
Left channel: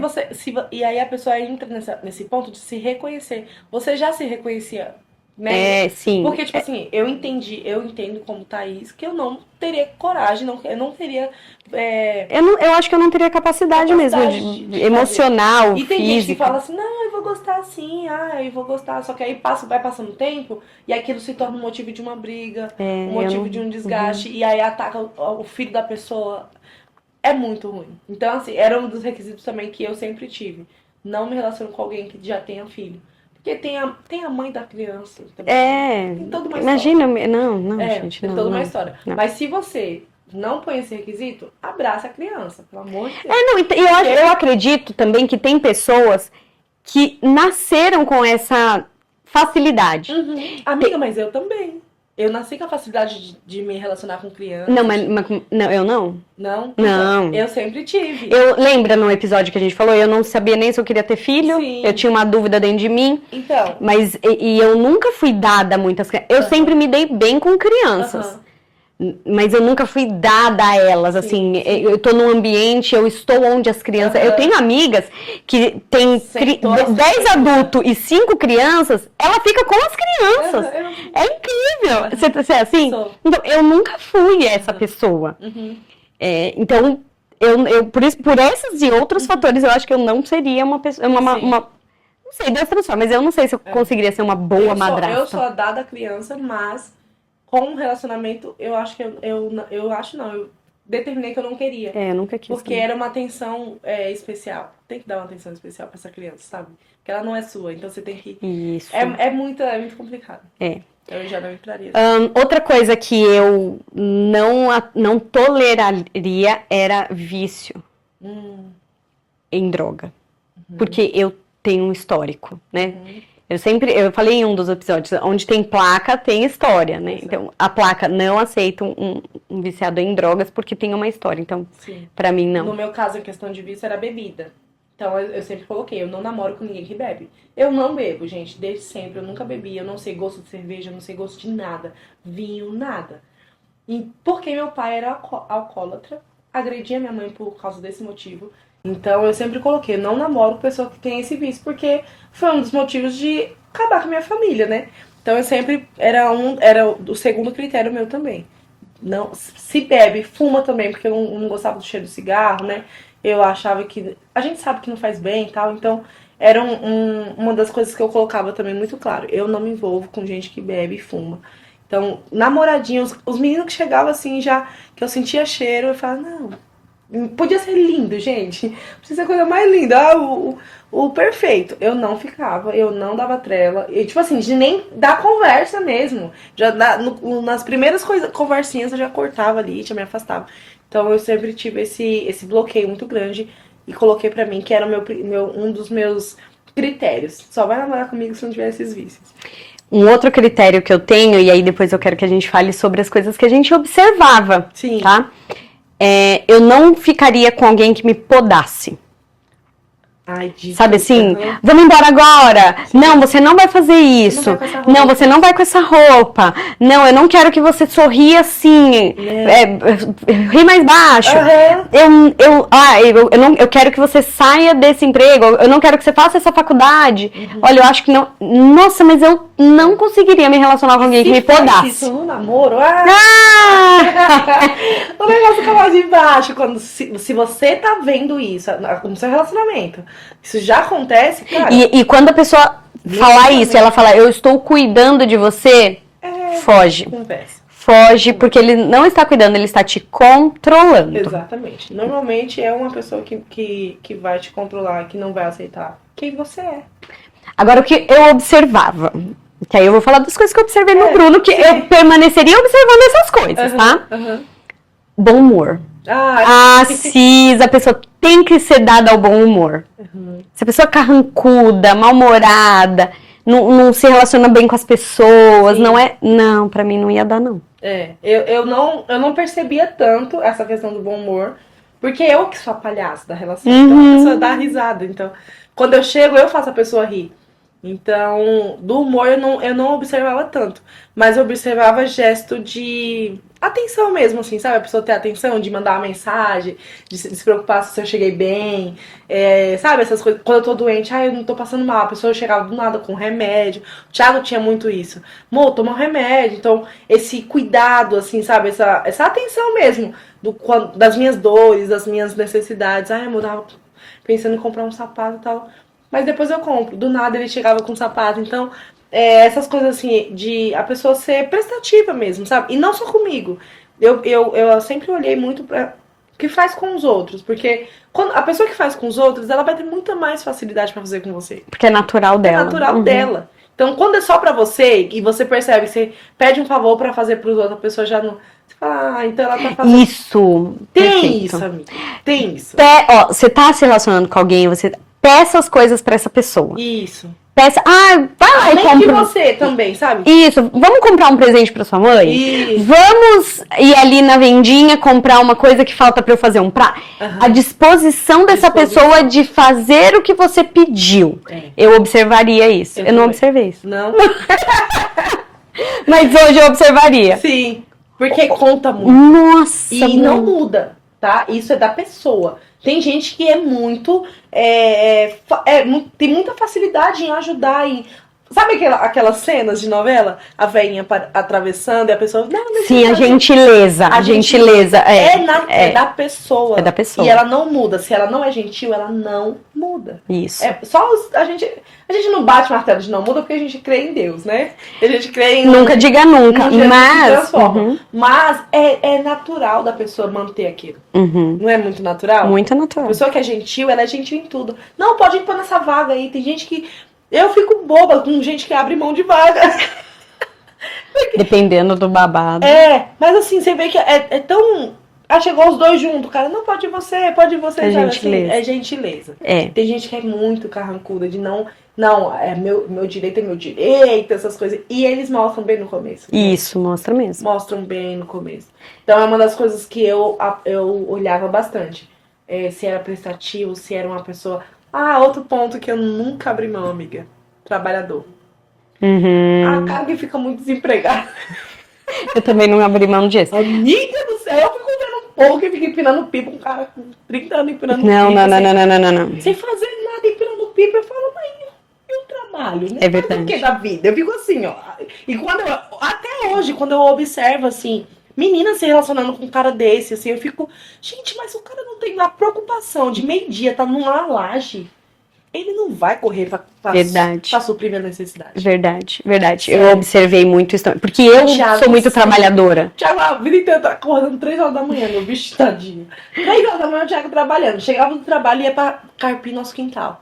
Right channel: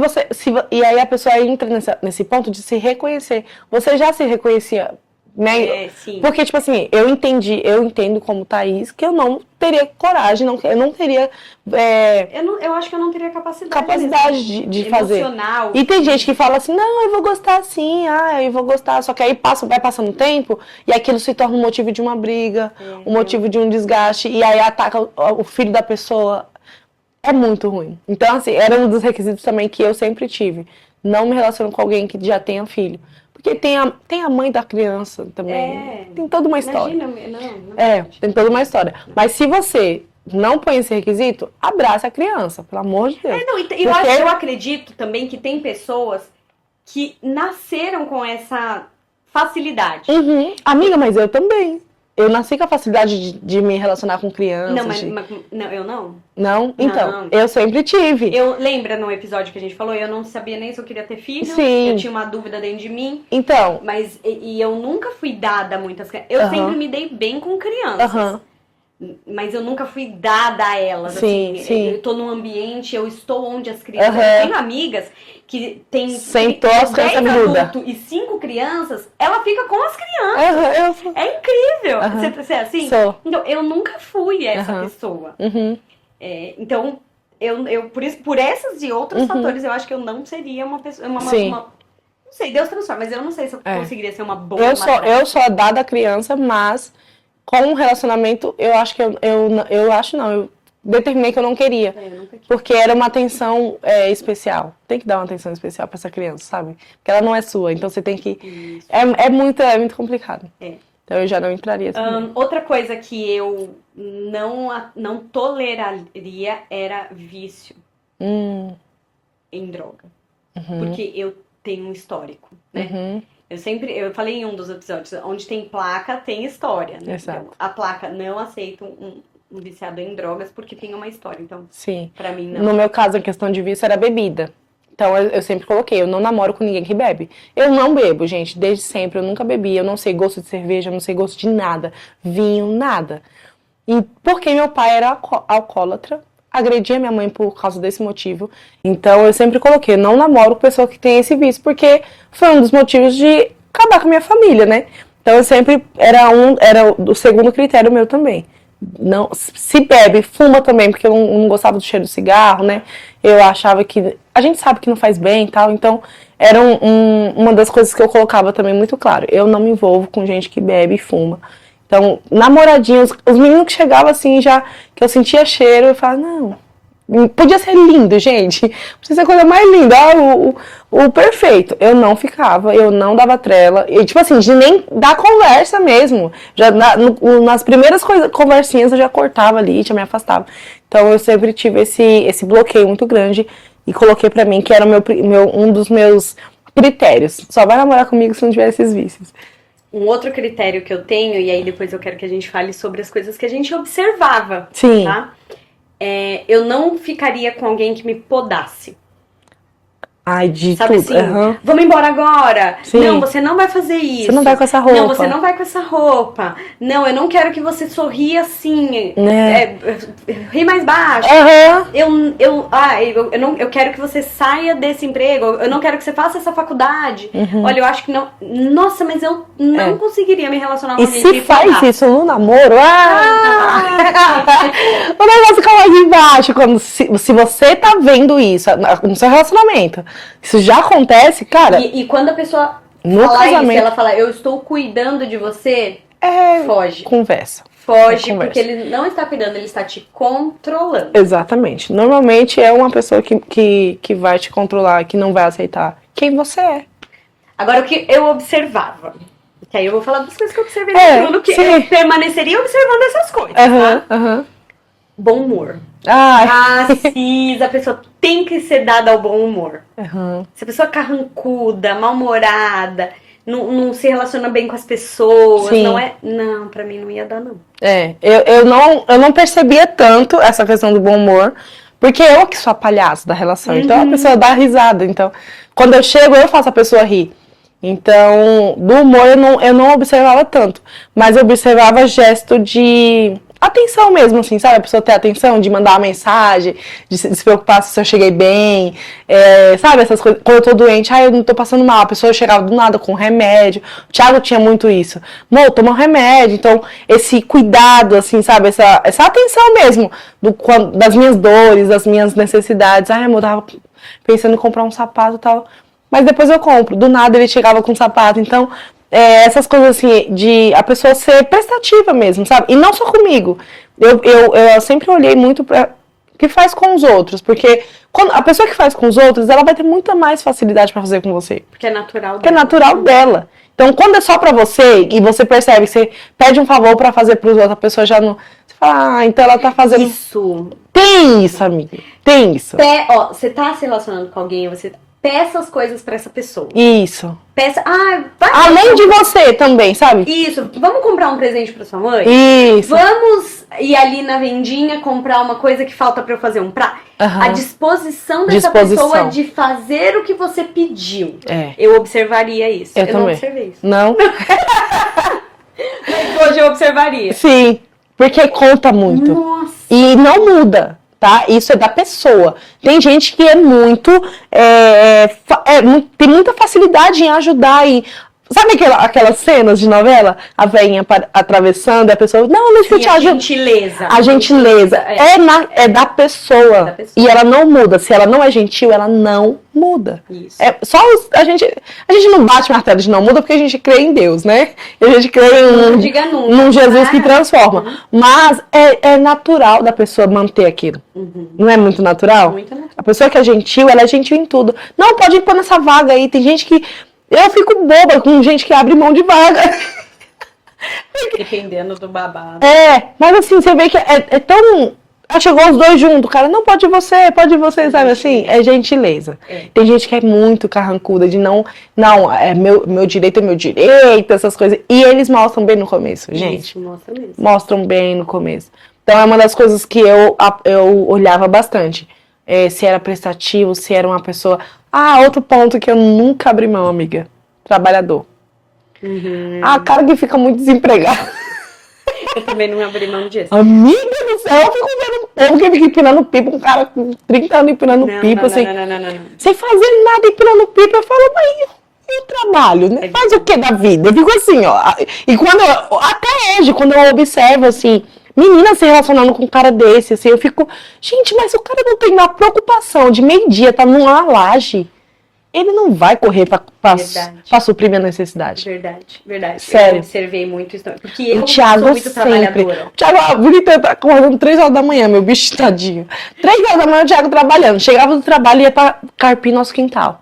e aí a pessoa entra nesse ponto de se reconhecer. Você já se reconhecia, né? Sim. Porque, tipo assim, eu entendo como Thaís que eu não teria coragem, eu não teria... Eu acho que eu não teria capacidade mesmo de emocional, fazer. E tem gente que física. fala assim, não, eu vou gostar sim, eu vou gostar. Só que aí vai passando o tempo e aquilo se torna um motivo de uma briga, um motivo de um desgaste. E aí ataca o filho da pessoa. É muito ruim. Então, assim, era um dos requisitos também que eu sempre tive. Não me relaciono com alguém que já tenha filho. Porque tem a mãe da criança também. Tem toda uma história. Imagina, não. Gente, tem toda uma história. Não. Mas se você não põe esse requisito, abraça a criança, pelo amor de Deus. Eu acredito também que tem pessoas que nasceram com essa facilidade. Amiga, mas eu também. Eu nasci com a facilidade de me relacionar com crianças. Não, mas não, eu não. Não? Então, eu sempre tive. Lembra no episódio que a gente falou, eu não sabia nem se eu queria ter filho. Sim. Eu tinha uma dúvida dentro de mim. Então. Mas eu nunca fui dada a muitas crianças. Eu sempre me dei bem com crianças. Mas eu nunca fui dada a elas, Sim, assim. sim. Eu tô num ambiente, eu estou onde as crianças... Eu tenho amigas que tem 10 adultos e 5 crianças, ela fica com as crianças. É incrível. Você é assim? Sou. Então, eu nunca fui essa pessoa. Então, por esses e outros fatores, eu acho que eu não seria uma pessoa... Não sei, Deus transforma, mas eu não sei se eu conseguiria ser uma boa madrasta. Eu sou a dada criança, mas... Com um relacionamento, eu acho que eu determinei que eu não queria. Eu nunca quis. Porque era uma atenção especial. Tem que dar uma atenção especial pra essa criança, sabe? Porque ela não é sua, então você tem que... Isso. É muito complicado. Então eu já não entraria. Assim. Outra coisa que eu não toleraria era vício em droga. Porque eu tenho um histórico, né? Eu falei em um dos episódios, onde tem placa, tem história, né? Exato. Então, a placa não aceita um viciado em drogas porque tem uma história. Então, Sim. pra mim, não. No meu caso, a questão de vício era bebida. Então, eu sempre coloquei, eu não namoro com ninguém que bebe. Eu não bebo, gente, desde sempre. Eu nunca bebi, eu não sei gosto de cerveja, eu não sei gosto de nada. Vinho, nada. E porque meu pai era alcoólatra, agredia minha mãe por causa desse motivo. Então, eu sempre coloquei, eu não namoro com pessoa que tem esse vício, porque foi um dos motivos de acabar com a minha família, né? Então, eu sempre, era o segundo critério meu também. Não, se bebe, fuma também, porque eu não gostava do cheiro do cigarro, né? Eu achava que... A gente sabe que não faz bem e tal, então era uma das coisas que eu colocava também muito claro. Eu não me envolvo com gente que bebe e fuma. Então, namoradinhos, os meninos que chegavam assim, já que eu sentia cheiro, eu falava, não, podia ser lindo, gente. Podia ser a coisa mais linda, o perfeito. Eu não ficava, eu não dava trela. E, tipo assim, de nem dar conversa mesmo. Já nas primeiras conversinhas eu já cortava ali, já me afastava. Então eu sempre tive esse bloqueio muito grande e coloquei pra mim que era um dos meus critérios. Só vai namorar comigo se não tiver esses vícios. Um outro critério que eu tenho, e aí depois eu quero que a gente fale sobre as coisas que a gente observava, Sim. Tá? Eu não ficaria com alguém que me podasse. Ai, Sabe assim? Vamos embora agora. Sim. Não, você não vai fazer isso. Você não vai com essa roupa. Não, você não vai com essa roupa. Não, eu não quero que você sorria assim. Ri mais baixo. Eu quero que você saia desse emprego. Eu não quero que você faça essa faculdade. Olha, eu acho que não. Nossa, mas eu não conseguiria me relacionar com alguém que me podasse. Se faz isso no namoro, o negócio fica mais embaixo. Se você tá vendo isso no seu relacionamento, isso já acontece, cara. E quando a pessoa fala isso, ela fala, eu estou cuidando de você, foge. Conversa. Foge, porque ele não está cuidando, ele está te controlando. Exatamente. Normalmente é uma pessoa que vai te controlar, que não vai aceitar quem você é. Agora, o que eu observava, que aí eu vou falar das coisas que eu observei no Bruno, que sim. eu permaneceria observando essas coisas, tá? Bom humor. Cis, a pessoa tem que ser dada ao bom humor. Se a pessoa é carrancuda, mal-humorada, não se relaciona bem com as pessoas, Sim. Não, pra mim não ia dar, não. Eu não percebia tanto essa questão do bom humor, porque eu que sou a palhaça da relação. Então a pessoa dá risada. Então, quando eu chego, eu faço a pessoa rir. Então, do humor eu não observava tanto. Mas eu observava gesto de atenção mesmo, assim, sabe? A pessoa ter atenção, de mandar uma mensagem, de se preocupar se eu cheguei bem, sabe? Essas coisas. Quando eu tô doente, eu não tô passando mal. A pessoa chegava do nada com remédio. O Thiago tinha muito isso. Amor, toma um remédio. Então, esse cuidado, assim, sabe? Essa atenção mesmo das minhas dores, das minhas necessidades. Amor, eu tava pensando em comprar um sapato e tal. Mas depois eu compro. Do nada ele chegava com um sapato. Então, essas coisas assim, de a pessoa ser prestativa mesmo, sabe? E não só comigo. Eu sempre olhei muito para o que faz com os outros. Porque quando a pessoa que faz com os outros, ela vai ter muita mais facilidade para fazer com você. Porque é natural dela. É natural dela. Então, quando é só pra você, e você percebe que você pede um favor pra fazer pros outros, a pessoa já não... Você fala, então ela tá fazendo... Isso. Tem isso, amiga. Tem isso. Você tá se relacionando com alguém, você peça as coisas pra essa pessoa. Isso. Peça... Além de você também, sabe? Isso. Vamos comprar um presente pra sua mãe? Isso. Vamos ir ali na vendinha comprar uma coisa que falta pra eu fazer um prato? A disposição dessa pessoa de fazer o que você pediu. Eu observaria isso. Eu não observei isso. Não? Mas hoje eu observaria. Sim. Porque conta muito. Nossa. E não muda. Tá? Isso é da pessoa. Tem gente que é muito... tem muita facilidade em ajudar. Sabe aquelas cenas de novela? A velhinha atravessando e a pessoa... Não Sim, a gentileza. A gentileza. É da pessoa. É da pessoa. E ela não muda. Se ela não é gentil, ela não muda. Isso. A gente não bate martelo de não muda porque a gente crê em Deus, né? A gente crê em... Nunca diga nunca. Num Jesus que transforma. Mas é natural da pessoa manter aquilo. Não é muito natural? Muito natural. A pessoa que é gentil, ela é gentil em tudo. Não, pode pôr nessa vaga aí. Tem gente que... Eu fico boba com gente que abre mão de vaga. Dependendo do babado. Mas assim, você vê que é tão... chegou os dois juntos, o cara, não, pode você, sabe assim? É gentileza. Tem gente que é muito carrancuda de não, meu direito é meu direito, essas coisas. E eles mostram bem no começo, gente. Isso, mostra mesmo. Mostram bem no começo. Então é uma das coisas que eu olhava bastante. Se era prestativo, se era uma pessoa... outro ponto que eu nunca abri mão, amiga. Trabalhador. Cara que fica muito desempregado. Eu também não abri mão disso. Amiga do céu, eu fico vendo um povo que fica empinando pipa, um cara com 30 anos empinando pipa. Não. Sem fazer nada empinando pipa, eu falo, mas e o trabalho? Né? Faz o que da vida? Eu fico assim, ó. E até hoje, quando eu observo, assim, meninas se relacionando com um cara desse, assim, eu fico, gente, mas o cara não tem uma preocupação de meio-dia, tá numa laje. Ele não vai correr pra suprir minha necessidade. Verdade. Sério. Eu observei muito isso também. Porque eu sou muito trabalhadora. O Thiago, a vida inteira tá acordando 3 horas da manhã, meu bicho tadinho. 3 horas da manhã o Thiago trabalhando. Chegava do trabalho e ia pra carpir nosso quintal.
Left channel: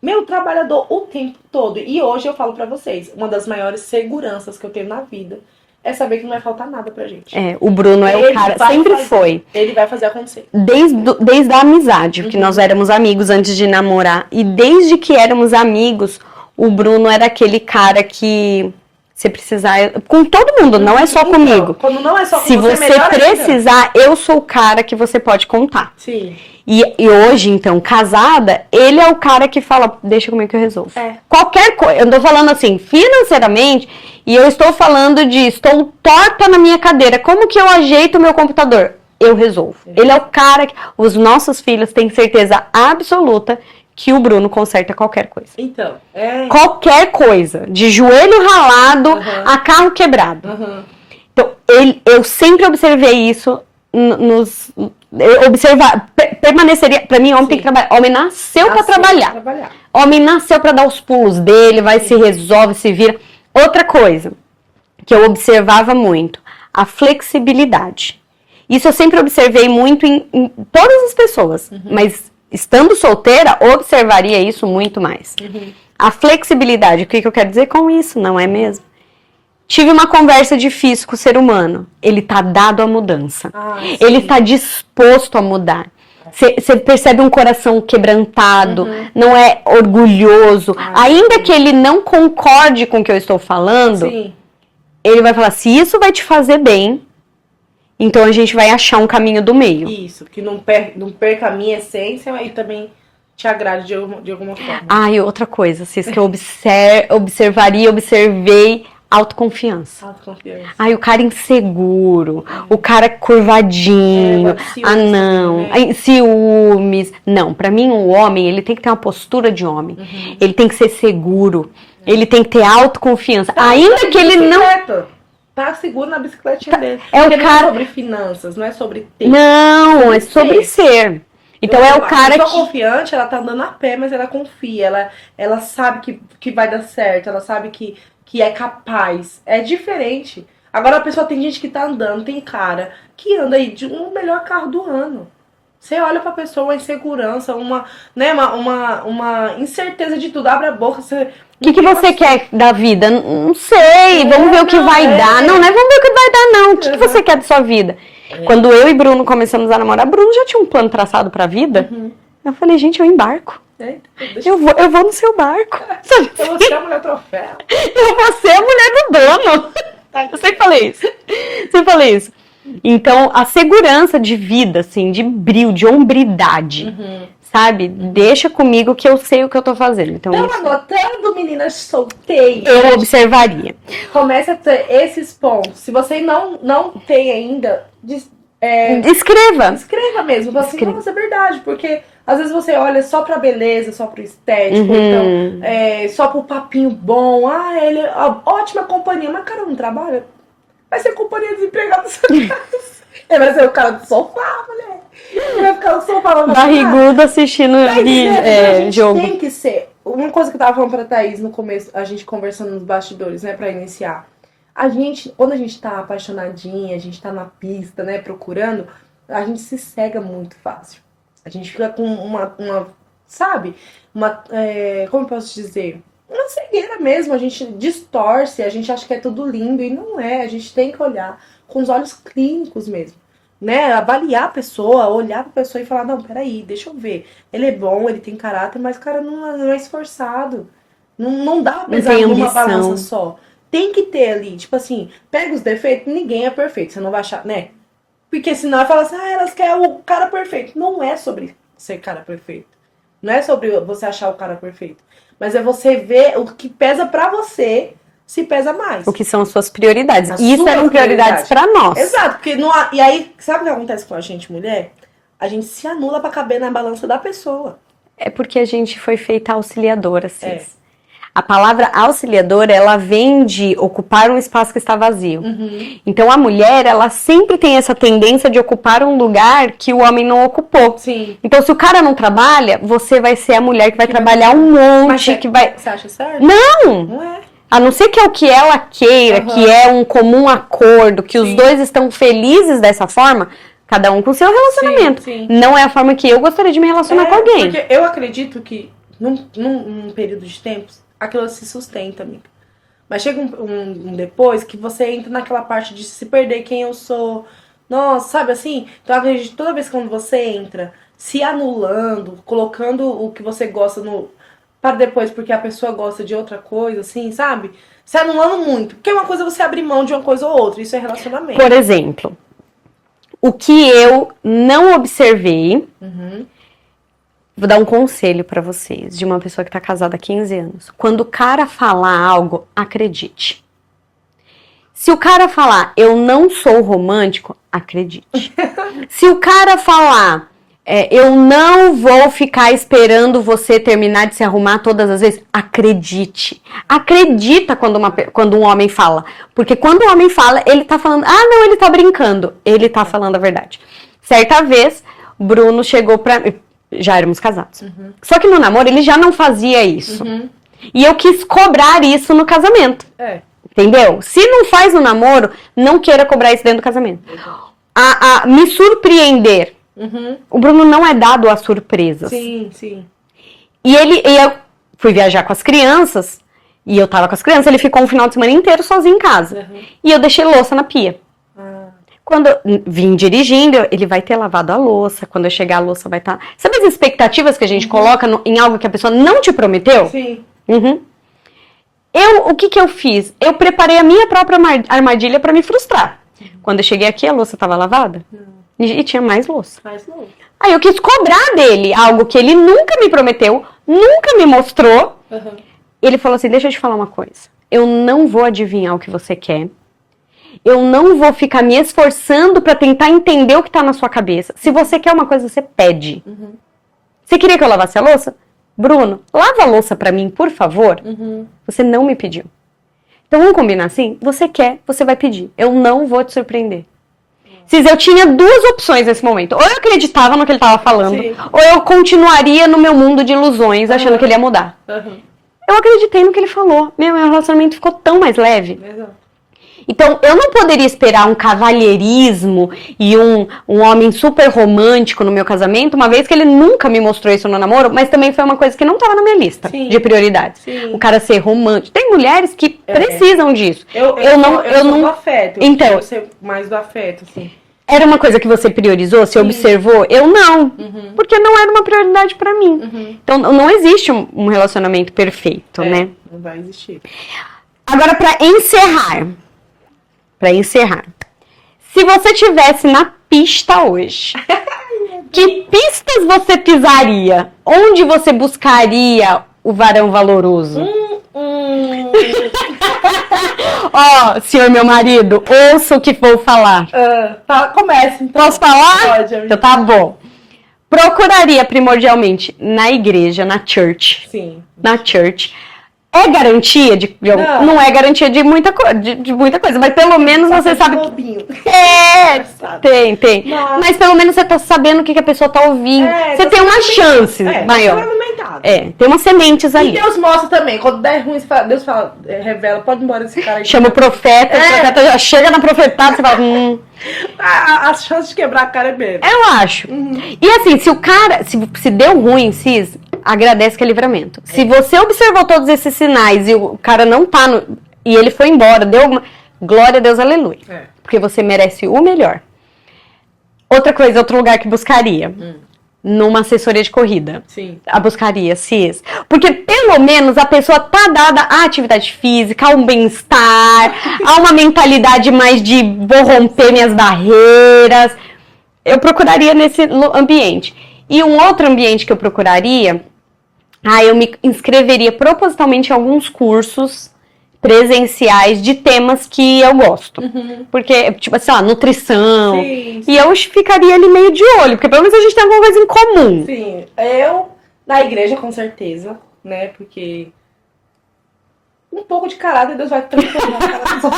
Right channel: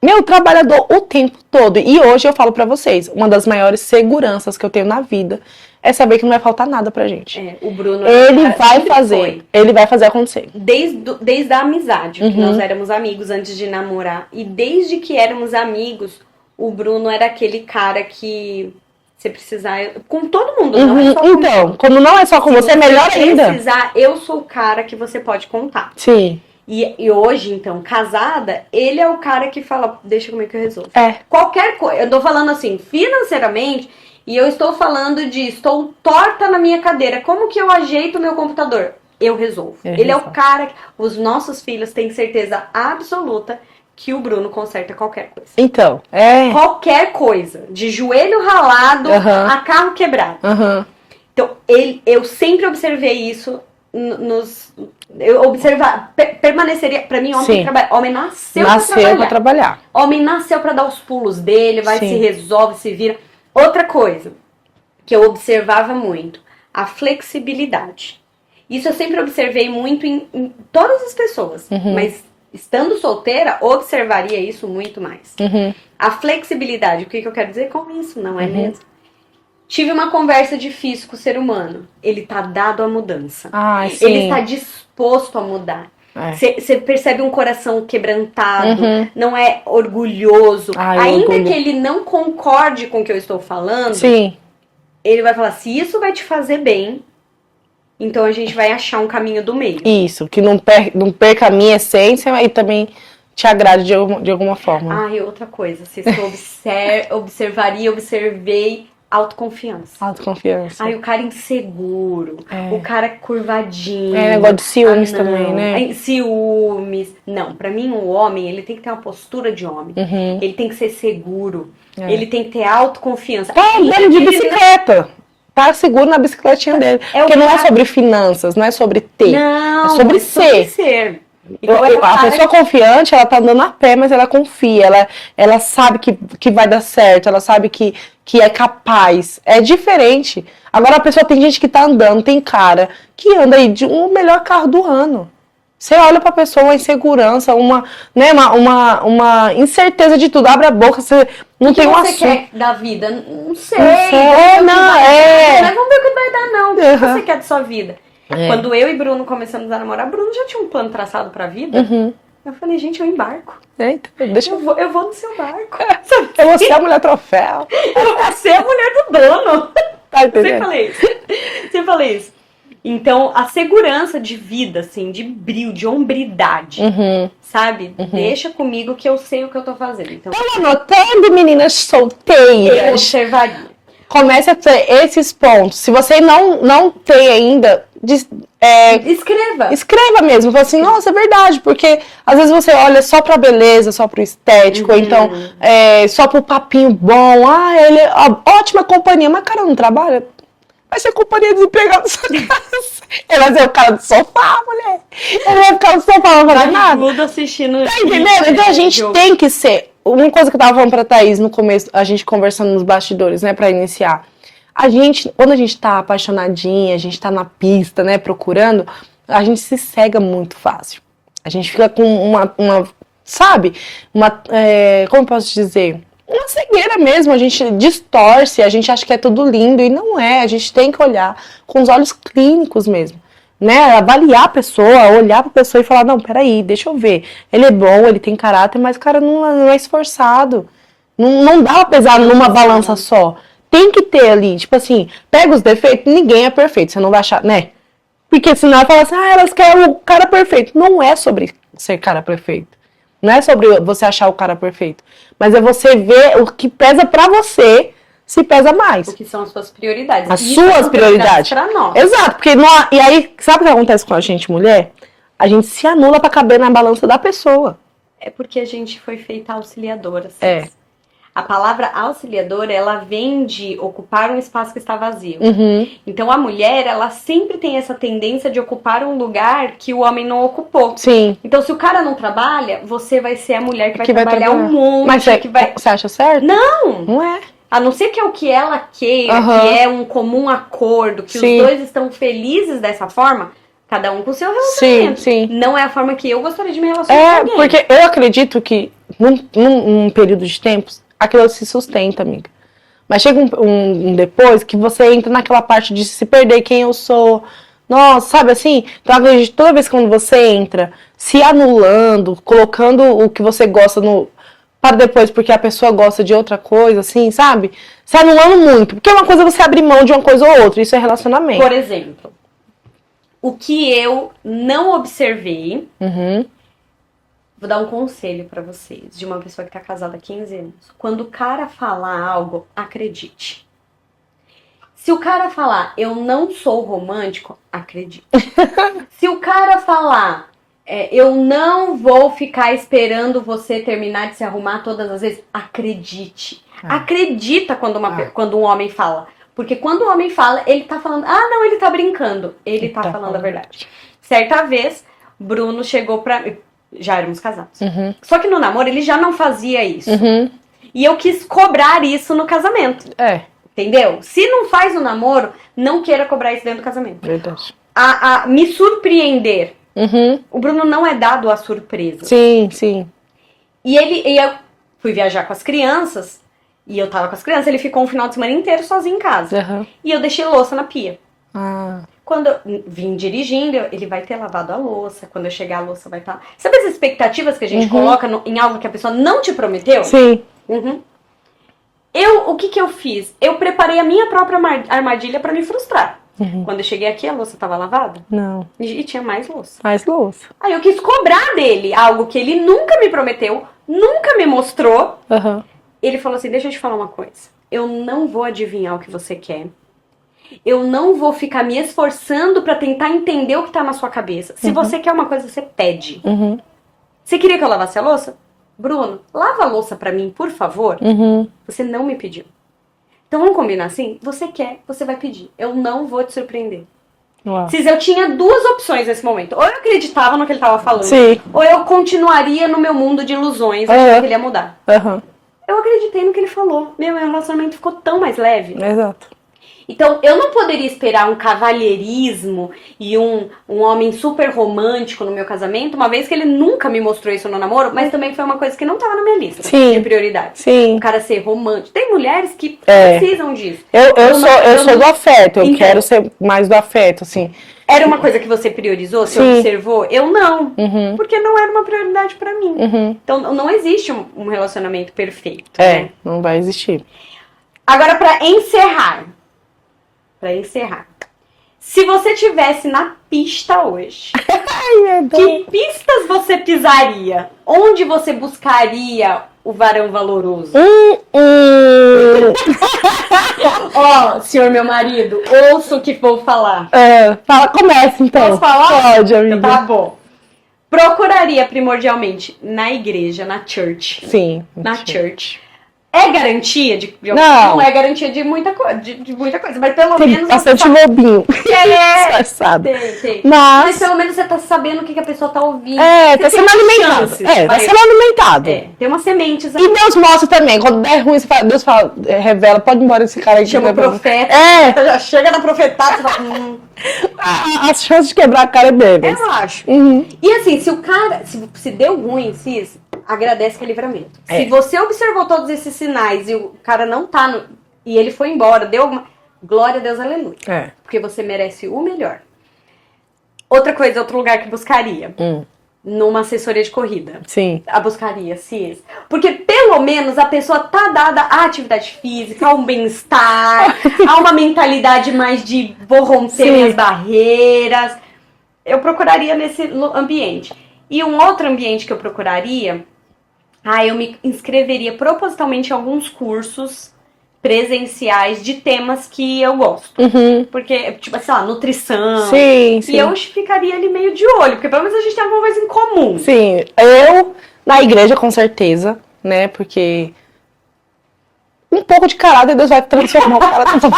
Meu trabalhador o tempo todo. E hoje eu falo pra vocês, uma das maiores seguranças que eu tenho na vida é saber que não vai faltar nada pra gente. O Bruno é o cara, sempre foi. Ele vai fazer acontecer. Desde a amizade, porque nós éramos amigos antes de namorar. E desde que éramos amigos, o Bruno era aquele cara que você precisar... Com todo mundo, não é só comigo. Quando não é só com você, é melhor precisar, eu sou o cara que você pode contar. Sim. E hoje, então, casada, ele é o cara que fala, deixa comigo que eu resolvo. Qualquer coisa, eu tô falando assim, financeiramente, e eu estou falando de, estou torta na minha cadeira, como que eu ajeito o meu computador? Eu resolvo. Ele é o cara que, os nossos filhos têm certeza absoluta que o Bruno conserta qualquer coisa. Então, qualquer coisa, de joelho ralado a carro quebrado. Então, eu sempre observei isso permaneceria, pra mim, homem tem que trabalhar. Homem nasceu pra trabalhar. Homem nasceu pra dar os pulos dele, se resolve, se vira. Outra coisa que eu observava muito, a flexibilidade. Isso eu sempre observei muito em todas as pessoas, mas estando solteira, observaria isso muito mais. A flexibilidade, o que eu quero dizer com isso, não é mesmo? Tive uma conversa difícil com o ser humano. Ele tá dado à mudança. Ele tá disposto a mudar. Você percebe um coração quebrantado, não é orgulhoso. Ainda que ele não concorde com o que eu estou falando, ele vai falar, se isso vai te fazer bem, então a gente vai achar um caminho do meio. Isso, que não perca a minha essência e também te agrade de alguma forma. E outra coisa, se eu observei autoconfiança. O cara inseguro, o cara curvadinho. Negócio de ciúmes também, né? Ciúmes. Não, pra mim o homem, ele tem que ter uma postura de homem. Ele tem que ser seguro. Ele tem que ter autoconfiança. Ainda que ele não... Tá seguro na bicicletinha dele. Porque não é sobre finanças, não é sobre ter. Não, é sobre ser. Então é o cara a pessoa confiante, ela tá andando a pé, mas ela confia, ela sabe que vai dar certo, ela sabe que é capaz. É diferente. Agora a pessoa, tem gente que tá andando, tem cara que anda aí de um melhor carro do ano. Você olha pra pessoa, uma insegurança, uma incerteza de tudo. Abre a boca, você... O que você quer da vida? Não sei, vamos ver o que vai dar. Não é vamos ver o que vai dar, não. O que você quer da sua vida? Quando eu e Bruno começamos a namorar, Bruno já tinha um plano traçado pra vida. Eu falei, gente, eu embarco. Eu vou no seu barco. Eu vou ser a mulher troféu. Eu vou ser a mulher do dono. Você falei isso. Então, a segurança de vida, assim, de brilho, de hombridade, sabe? Deixa comigo que eu sei o que eu tô fazendo. Então anotando, meninas solteiras. Eu observaria. Comece a ter esses pontos. Se você não tem ainda, escreva mesmo. Fala assim, nossa, é verdade. Porque às vezes você olha só pra beleza, só pro estético, ou então só pro papinho bom. Ele é ótima companhia, mas cara, não trabalha. Vai ser companhia desempregada. Ele vai ser o cara do sofá, mulher. Ele vai ficar no sofá, barrigudo assistindo. Então a gente tem que ser. Uma coisa que eu tava falando pra Thaís no começo, a gente conversando nos bastidores, né, pra iniciar. Quando a gente tá apaixonadinha, a gente tá na pista, né, procurando, a gente se cega muito fácil. A gente fica com como eu posso dizer? Uma cegueira mesmo, a gente distorce, a gente acha que é tudo lindo e não é, a gente tem que olhar com os olhos clínicos mesmo, né? Avaliar a pessoa, olhar pra pessoa e falar, não, peraí, deixa eu ver. Ele é bom, ele tem caráter, mas o cara não é esforçado. Não dá pra pesar numa balança só. Tem que ter ali, tipo assim, pega os defeitos, ninguém é perfeito, você não vai achar, né? Porque senão ela fala assim, elas querem o cara perfeito. Não é sobre ser cara perfeito. Não é sobre você achar o cara perfeito. Mas é você ver o que pesa pra você, se pesa mais. O que são as suas prioridades. As Isso suas são prioridades pra nós. Exato, porque e aí, sabe o que acontece com a gente, mulher? A gente se anula pra caber na balança da pessoa. É porque a gente foi feita auxiliadora, assim. É. A palavra auxiliadora, ela vem de ocupar um espaço que está vazio. Então, a mulher, ela sempre tem essa tendência de ocupar um lugar que o homem não ocupou. Sim. Então, se o cara não trabalha, você vai ser a mulher que vai trabalhar um monte. Mas você acha certo? Não! Não é. A não ser que é o que ela queira, que é um comum acordo, que os dois estão felizes dessa forma, cada um com o seu relacionamento. Sim. Não é a forma que eu gostaria de me relacionar com alguém. Porque eu acredito que num período de tempos, aquilo se sustenta, amiga. Mas chega um depois que você entra naquela parte de se perder quem eu sou. Nossa, sabe assim? Então, eu acredito que toda vez que quando você entra se anulando, colocando o que você gosta para depois, porque a pessoa gosta de outra coisa, assim, sabe? Se anulando muito. Porque uma coisa é você abrir mão de uma coisa ou outra. Isso é relacionamento. Por exemplo, o que eu não observei... Vou dar um conselho pra vocês, de uma pessoa que tá casada há 15 anos. Quando o cara falar algo, acredite. Se o cara falar, eu não sou romântico, acredite. Se o cara falar, eu não vou ficar esperando você terminar de se arrumar todas as vezes, acredite. Acredita quando um homem fala. Porque quando o homem fala, ele tá falando, não, ele tá brincando. Ele tá falando a verdade. Certa vez, Bruno chegou pra... Já éramos casados. Só que no namoro ele já não fazia isso. E eu quis cobrar isso no casamento. Entendeu? Se não faz no namoro, não queira cobrar isso dentro do casamento. Verdade. Me surpreender. O Bruno não é dado a surpresas. Sim. E eu fui viajar com as crianças, e eu tava com as crianças, ele ficou um final de semana inteiro sozinho em casa. E eu deixei louça na pia. Quando eu vim dirigindo, ele vai ter lavado a louça. Quando eu chegar, a louça vai estar... Sabe as expectativas que a gente coloca em algo que a pessoa não te prometeu? Sim. O que eu fiz? Eu preparei a minha própria armadilha pra me frustrar. Quando eu cheguei aqui, a louça estava lavada? Não. E tinha mais louça. Mais louça. Aí eu quis cobrar dele algo que ele nunca me prometeu, nunca me mostrou. Ele falou assim, deixa eu te falar uma coisa. Eu não vou adivinhar o que você quer. Eu não vou ficar me esforçando pra tentar entender o que tá na sua cabeça. Se você quer uma coisa, você pede. Você queria que eu lavasse a louça? Bruno, lava a louça pra mim, por favor. Você não me pediu. Então vamos combinar assim? Você quer, você vai pedir. Eu não vou te surpreender. Cis, eu tinha duas opções nesse momento. Ou eu acreditava no que ele tava falando, ou eu continuaria no meu mundo de ilusões, achando que ele ia mudar. Eu acreditei no que ele falou. Meu relacionamento ficou tão mais leve. Exato. Então, eu não poderia esperar um cavalheirismo e um homem super romântico no meu casamento, uma vez que ele nunca me mostrou isso no namoro, mas também foi uma coisa que não estava na minha lista de prioridades. O cara ser romântico. Tem mulheres que precisam disso. Eu sou do afeto, eu quero ser mais do afeto, assim. Era uma coisa que você priorizou, você observou? Eu não, porque não era uma prioridade pra mim. Então, não existe um relacionamento perfeito, né? Não vai existir. Agora, pra encerrar, se você tivesse na pista hoje, que pistas você pisaria? Onde você buscaria o varão valoroso? Ó, senhor meu marido, ouça o que vou falar. Começa então. Posso falar? Pode, amiga. Então tá bom. Procuraria primordialmente na igreja, na church. Sim. Na church. É garantia de não é garantia de muita coisa, mas pelo menos você sabe. Bobinho. Tem. Mas pelo menos você tá sabendo o que a pessoa tá ouvindo. Você tem uma chance. Tá sendo alimentado. Tem umas sementes aí. E Deus mostra também. Quando der ruim, Deus fala, revela, pode ir embora esse cara aí. Chama o profeta. Chega na profetada, você fala. As chances de quebrar a cara é dele. Eu acho. E assim, se o cara, se deu ruim, Cis, agradece que é livramento. Se você observou todos esses sinais e o cara não tá e ele foi embora, deu alguma... Glória a Deus, aleluia. Porque você merece o melhor. Outra coisa, outro lugar que buscaria. Hum. Numa assessoria de corrida. Sim. A buscaria, CIS. Porque pelo menos a pessoa tá dada à atividade física, a um bem-estar, a uma mentalidade mais de vou romper minhas barreiras. Eu procuraria nesse ambiente. E um outro ambiente que eu procuraria, eu me inscreveria propositalmente em alguns cursos presenciais de temas que eu gosto. Porque, tipo assim, nutrição. Sim, sim. E eu ficaria ali meio de olho, porque pelo menos a gente tem alguma coisa em comum. Sim, eu na igreja com certeza, né? Porque um pouco de caráter Deus vai transformar o cara. Pelo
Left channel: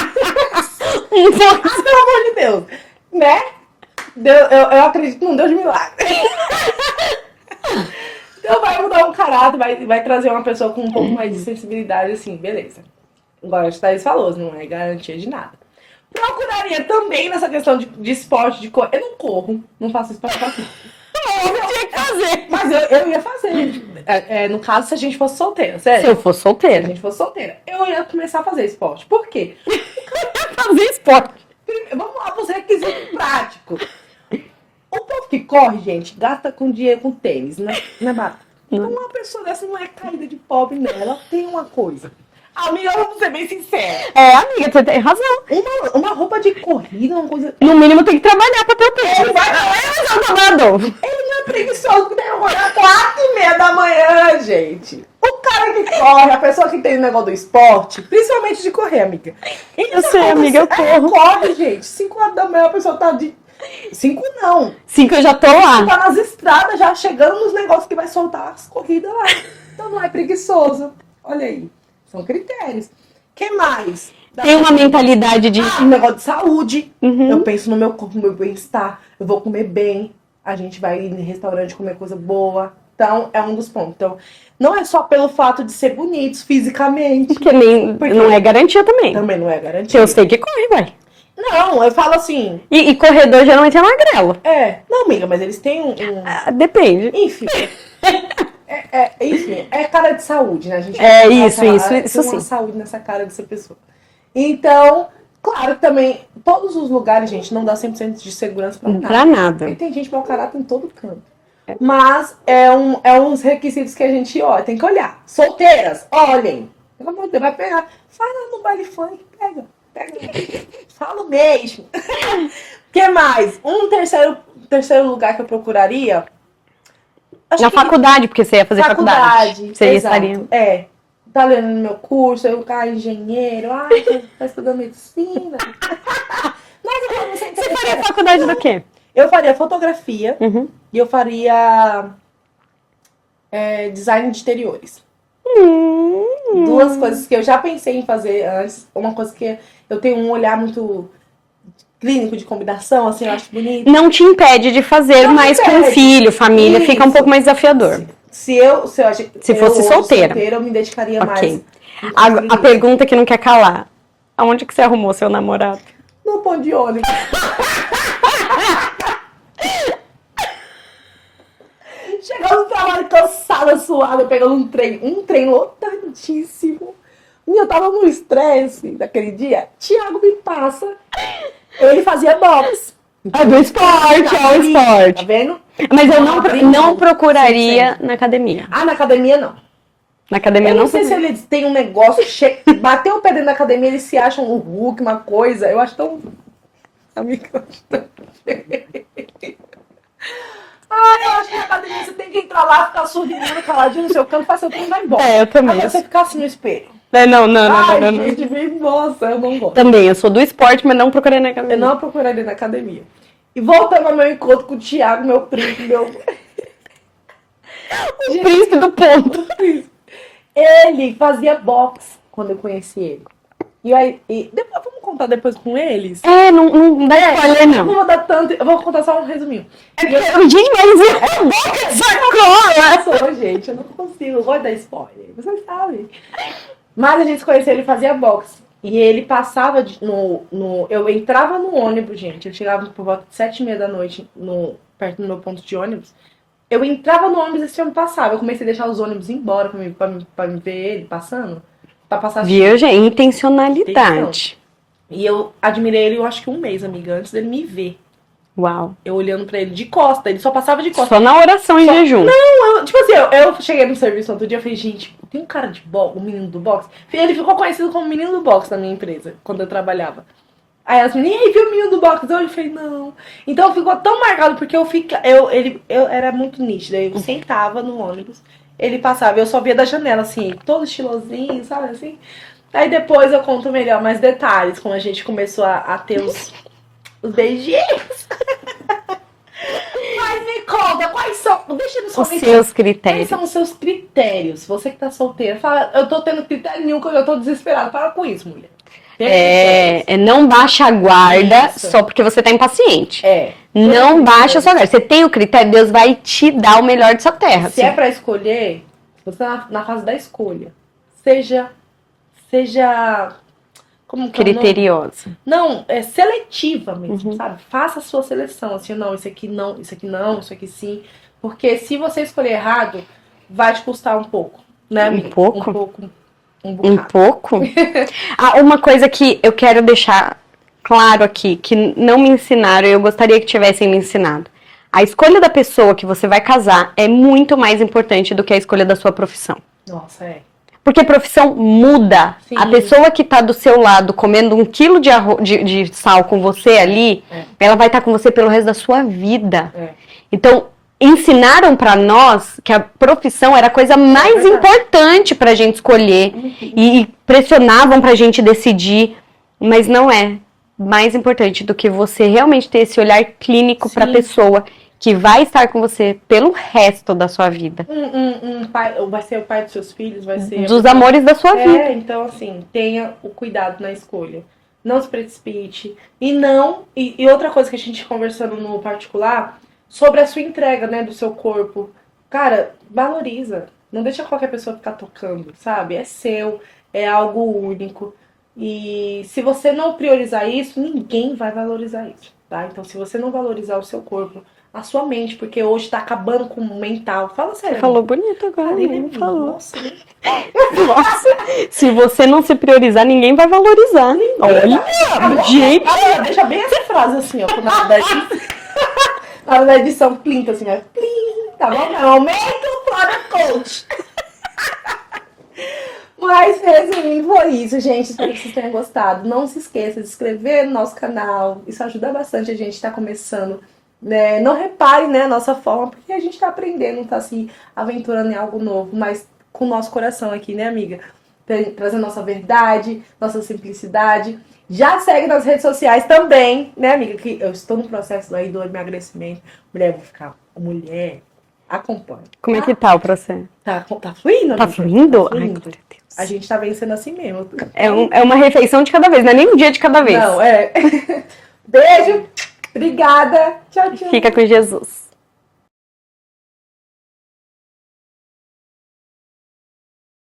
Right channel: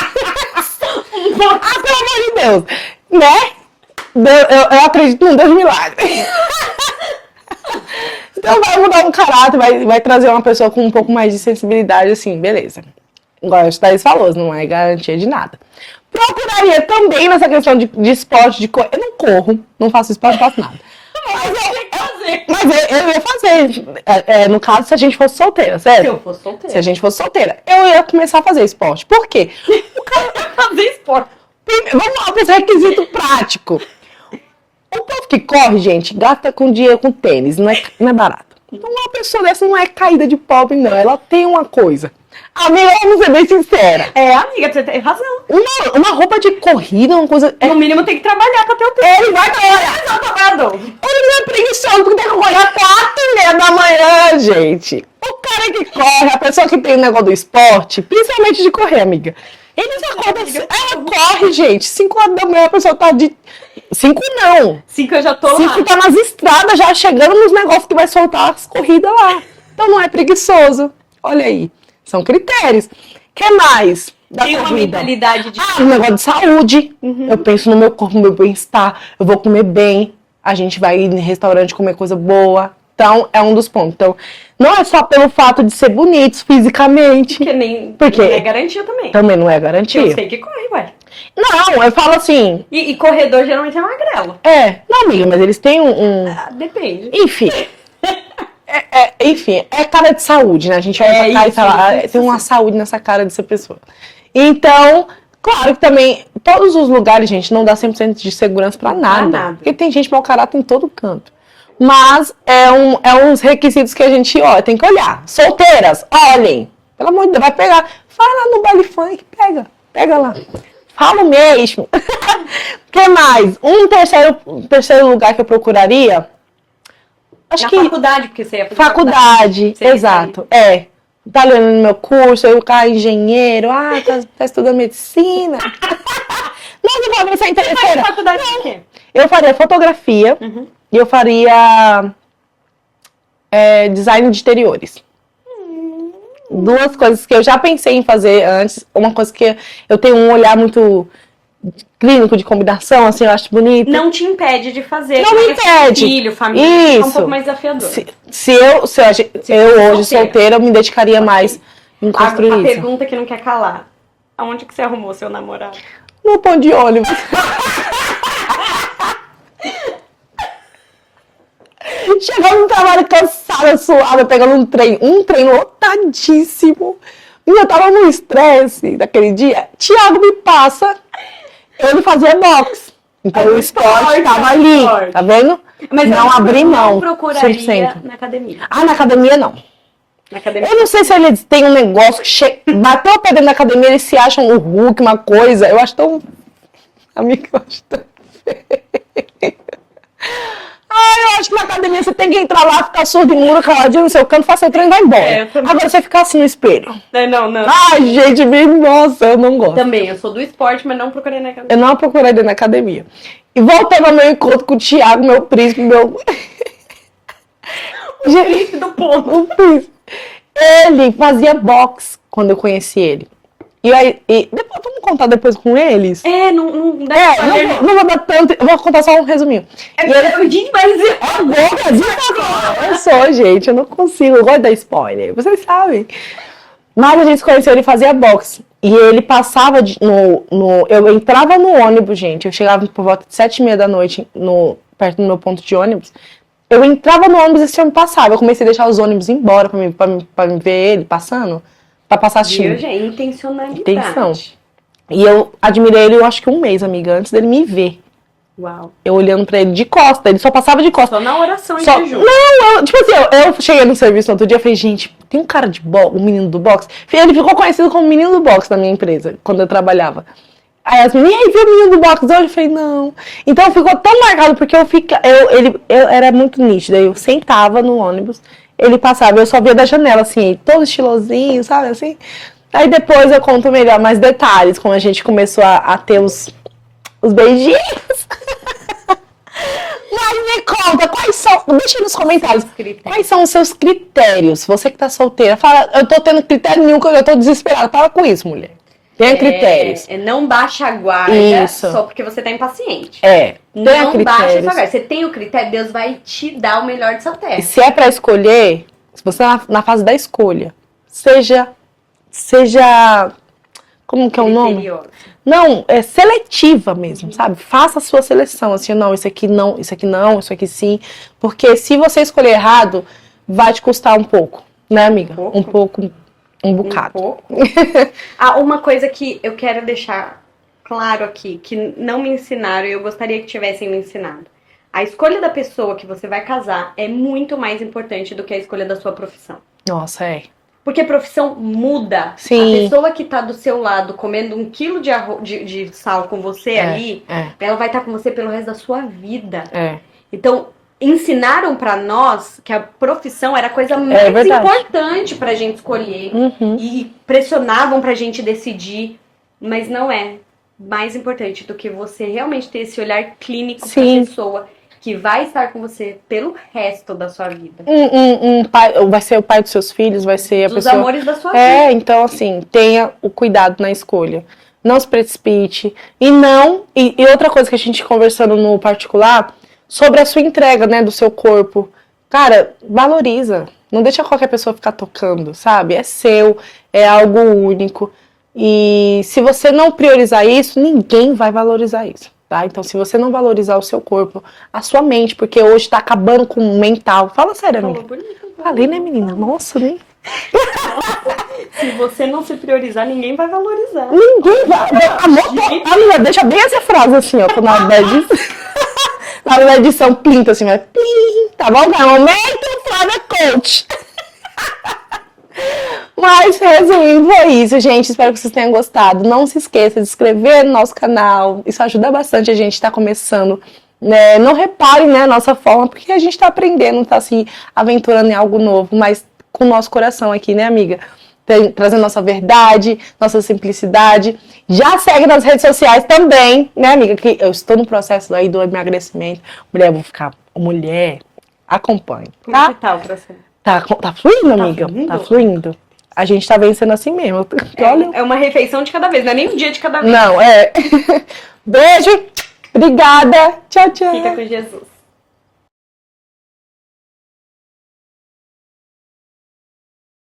amor de Deus, né? Eu acredito num Deus de milagre. Então vai mudar um caráter, vai trazer uma pessoa com um pouco mais de sensibilidade, assim, beleza. Igual a Thaís falou, não é garantia de nada. Procuraria também nessa questão de esporte, de correr. Eu não corro, não faço esporte, não faço nada. Mas eu ia fazer. No caso, se a gente fosse solteira, certo? Se eu fosse solteira. Se a gente fosse solteira, eu ia começar a fazer esporte. Por quê? O cara vai fazer esporte. Vamos lá para esse requisito prático. O povo que corre, gente, gasta com dinheiro com tênis, não é barato. Uma pessoa dessa não é caída de pobre, não. Ela tem uma coisa. Amiga, vamos ser bem sincera. Amiga, você tem razão. Uma roupa de corrida, uma coisa. No mínimo tem que trabalhar pra ter o tempo. Ele vai trabalhar, Ele não é preguiçoso porque tem que acordar 4h30 da manhã, gente. O cara que corre, a pessoa que tem o negócio do esporte, principalmente de correr, amiga. Eu sei, amiga, eu corro. Corre, gente. 5h da manhã a pessoa tá de... 5 não. 5 eu já tô lá. 5 tá nas estradas já chegando nos negócios que vai soltar as corridas lá. Então não é preguiçoso. Olha aí. São critérios. O que mais? Tem uma mentalidade de... um negócio de saúde. Eu penso no meu corpo, no meu bem-estar. Eu vou comer bem. A gente vai ir em restaurante comer coisa boa. Então, é um dos pontos. Então, não é só pelo fato de ser bonitos fisicamente. Porque não é garantia também. Também não é garantia. Eu sei que corre, vai. Não, eu falo assim... E corredor geralmente é magrelo. Não, amiga, mas eles têm Depende. Enfim... Enfim, é cara de saúde, né? A gente vai tem uma saúde nessa cara dessa pessoa. Então, claro que também, todos os lugares, gente, não dá 100% de segurança pra nada. Porque tem gente mau caráter em todo canto. Mas é uns requisitos que a gente tem que olhar. Solteiras, olhem. Pelo amor de Deus, vai pegar. Vai lá no baile funk, pega lá. Fala mesmo. O que mais? Um terceiro lugar que eu procuraria... Na faculdade, porque você ia fazer faculdade. Exato. Tá lendo no meu curso, eu caio engenheiro, tá estudando medicina. Nossa, vai ser interessante. Você faria faculdade do quê? Eu faria fotografia e eu faria design de interiores. Duas coisas que eu já pensei em fazer antes. Uma coisa que eu tenho um olhar muito... clínico de combinação, assim, eu acho bonito. Não te impede de fazer, mas com filho, família, fica um pouco mais desafiador. Se eu hoje solteira, eu me dedicaria mais. A pergunta que não quer calar. Aonde que você arrumou seu namorado? No ponto de ônibus. Chegando no trabalho cansada, suada, pegando um trem lotadíssimo. E eu tava no estresse daquele dia. Thiago me passa... Ele fazia boxe. Então, do esporte, tá vendo? Mas eu não procuraria na academia. Na academia não. Na academia eu não sei se eles têm um negócio que bateu o pé dentro da academia, eles se acham o Hulk, uma coisa. Eu acho tão... Amiga, eu acho tão... eu acho que na academia você tem que entrar lá, ficar surdo, muro, caladinho no seu canto, faça seu treino e vai embora. Agora você ficar assim no espelho. Não. Gente, nossa, eu não gosto. Também, eu sou do esporte, mas não procurei na academia. Eu não procurei na academia. E voltei ao meu encontro com o Thiago, meu príncipe, o príncipe do povo, o príncipe. Ele fazia boxe quando eu conheci ele. E aí, depois, vamos contar depois com eles? Não dá spoiler, não. Não vou dar tanto, eu vou contar só um resuminho. Gente, mas eu sou, gente, eu não consigo, eu gosto de dar spoiler, vocês sabem. Mas a gente se conheceu, ele fazia boxe. E ele passava eu entrava no ônibus, gente, eu chegava por volta de 7h30 da noite, perto do meu ponto de ônibus. Eu entrava no ônibus e esse homem passava. Eu comecei a deixar os ônibus embora pra me ver ele passando. Pra passar intencionalidade. E eu admirei ele, eu acho que um mês, amiga, antes dele me ver. Uau. Eu olhando pra ele de costa, ele só passava de costa. Só na oração em Só- jejum. Não, tipo assim, eu cheguei no serviço no outro dia e falei, gente, tem um cara de boxe, um menino do boxe. Ele ficou conhecido como menino do boxe na minha empresa, quando eu trabalhava. Aí as meninas, e aí, viu o menino do boxe? Eu falei, não. Então ficou tão marcado, porque eu era muito nítida. Eu sentava no ônibus, ele passava, eu só via da janela, assim, todo estilosinho, sabe, assim. Aí depois eu conto melhor, mais detalhes, como a gente começou a ter os beijinhos. Mas me conta, quais são, deixa nos comentários, seus critérios. quais são os seus critérios? Você que tá solteira, fala, eu tô tendo critério nenhum, que eu tô desesperada. Fala com isso, mulher. Tem critérios. Não baixa a guarda Isso. só porque você tá impaciente. Não Não baixa a sua guarda. Você tem o critério, Deus vai te dar o melhor de sua terra. Se é pra escolher, se você tá na fase da escolha, seja como que é o nome? Criteriosa. Não, é seletiva mesmo, sabe? Faça a sua seleção, assim, não, isso aqui não, isso aqui não, isso aqui sim. Porque se você escolher errado, vai te custar um pouco, né, amiga? pouco? Um bocado. Um pouco? Uma coisa que eu quero deixar claro aqui, que não me ensinaram e eu gostaria que tivessem me ensinado. A escolha da pessoa que você vai casar é muito mais importante do que a escolha da sua profissão. Nossa, é. Porque a profissão muda. Sim. A pessoa que tá do seu lado comendo 1 quilo de sal com você ali, ela vai estar com você pelo resto da sua vida. Então, ensinaram pra nós que a profissão era a coisa mais verdade. importante pra gente escolher. E pressionavam pra gente decidir. Mas não é mais importante do que você realmente ter esse olhar clínico pra pessoa que vai estar com você pelo resto da sua vida. Um pai, vai ser o pai dos seus filhos, vai ser a Dos pessoa... amores da sua vida. Então assim, tenha o cuidado na escolha. Não se precipite. E outra coisa que a gente conversando no particular, sobre a sua entrega, né, do seu corpo. Cara, valoriza. Não deixa qualquer pessoa ficar tocando, sabe? É seu, é algo único. E se você não priorizar isso, ninguém vai valorizar isso. Tá? Então, se você não valorizar o seu corpo, a sua mente, porque hoje tá acabando com o mental. Fala sério, Falou amiga. bonito agora. Falei, né, menina? Falou. Nossa, né? Nossa, se você não se priorizar, ninguém vai valorizar. Gente, amiga, deixa bem essa frase assim, ó, na hora da edição. Na hora da edição, plinta assim, vai plim, tá bom? É o momento Flávia Coach. Mas, resumindo, foi isso, gente. Espero que vocês tenham gostado. Não se esqueça de se inscrever no nosso canal. Isso ajuda bastante a gente estar começando. Né? Não reparem, né, a nossa forma, porque a gente está aprendendo, está se aventurando em algo novo, mas com o nosso coração aqui, né, amiga? Trazendo nossa verdade, nossa simplicidade. Já segue nas redes sociais também, né, amiga? Que eu estou no processo aí do emagrecimento. Mulher, eu vou ficar... Mulher, acompanhe. Como é que tá o processo? Tá fluindo, amiga? fluindo? Tá fluindo. A gente tá vencendo assim mesmo. É uma refeição de cada vez, não é nem um dia de cada vez. Não, é. Beijo, obrigada. Tchau, tchau. Fica com Jesus.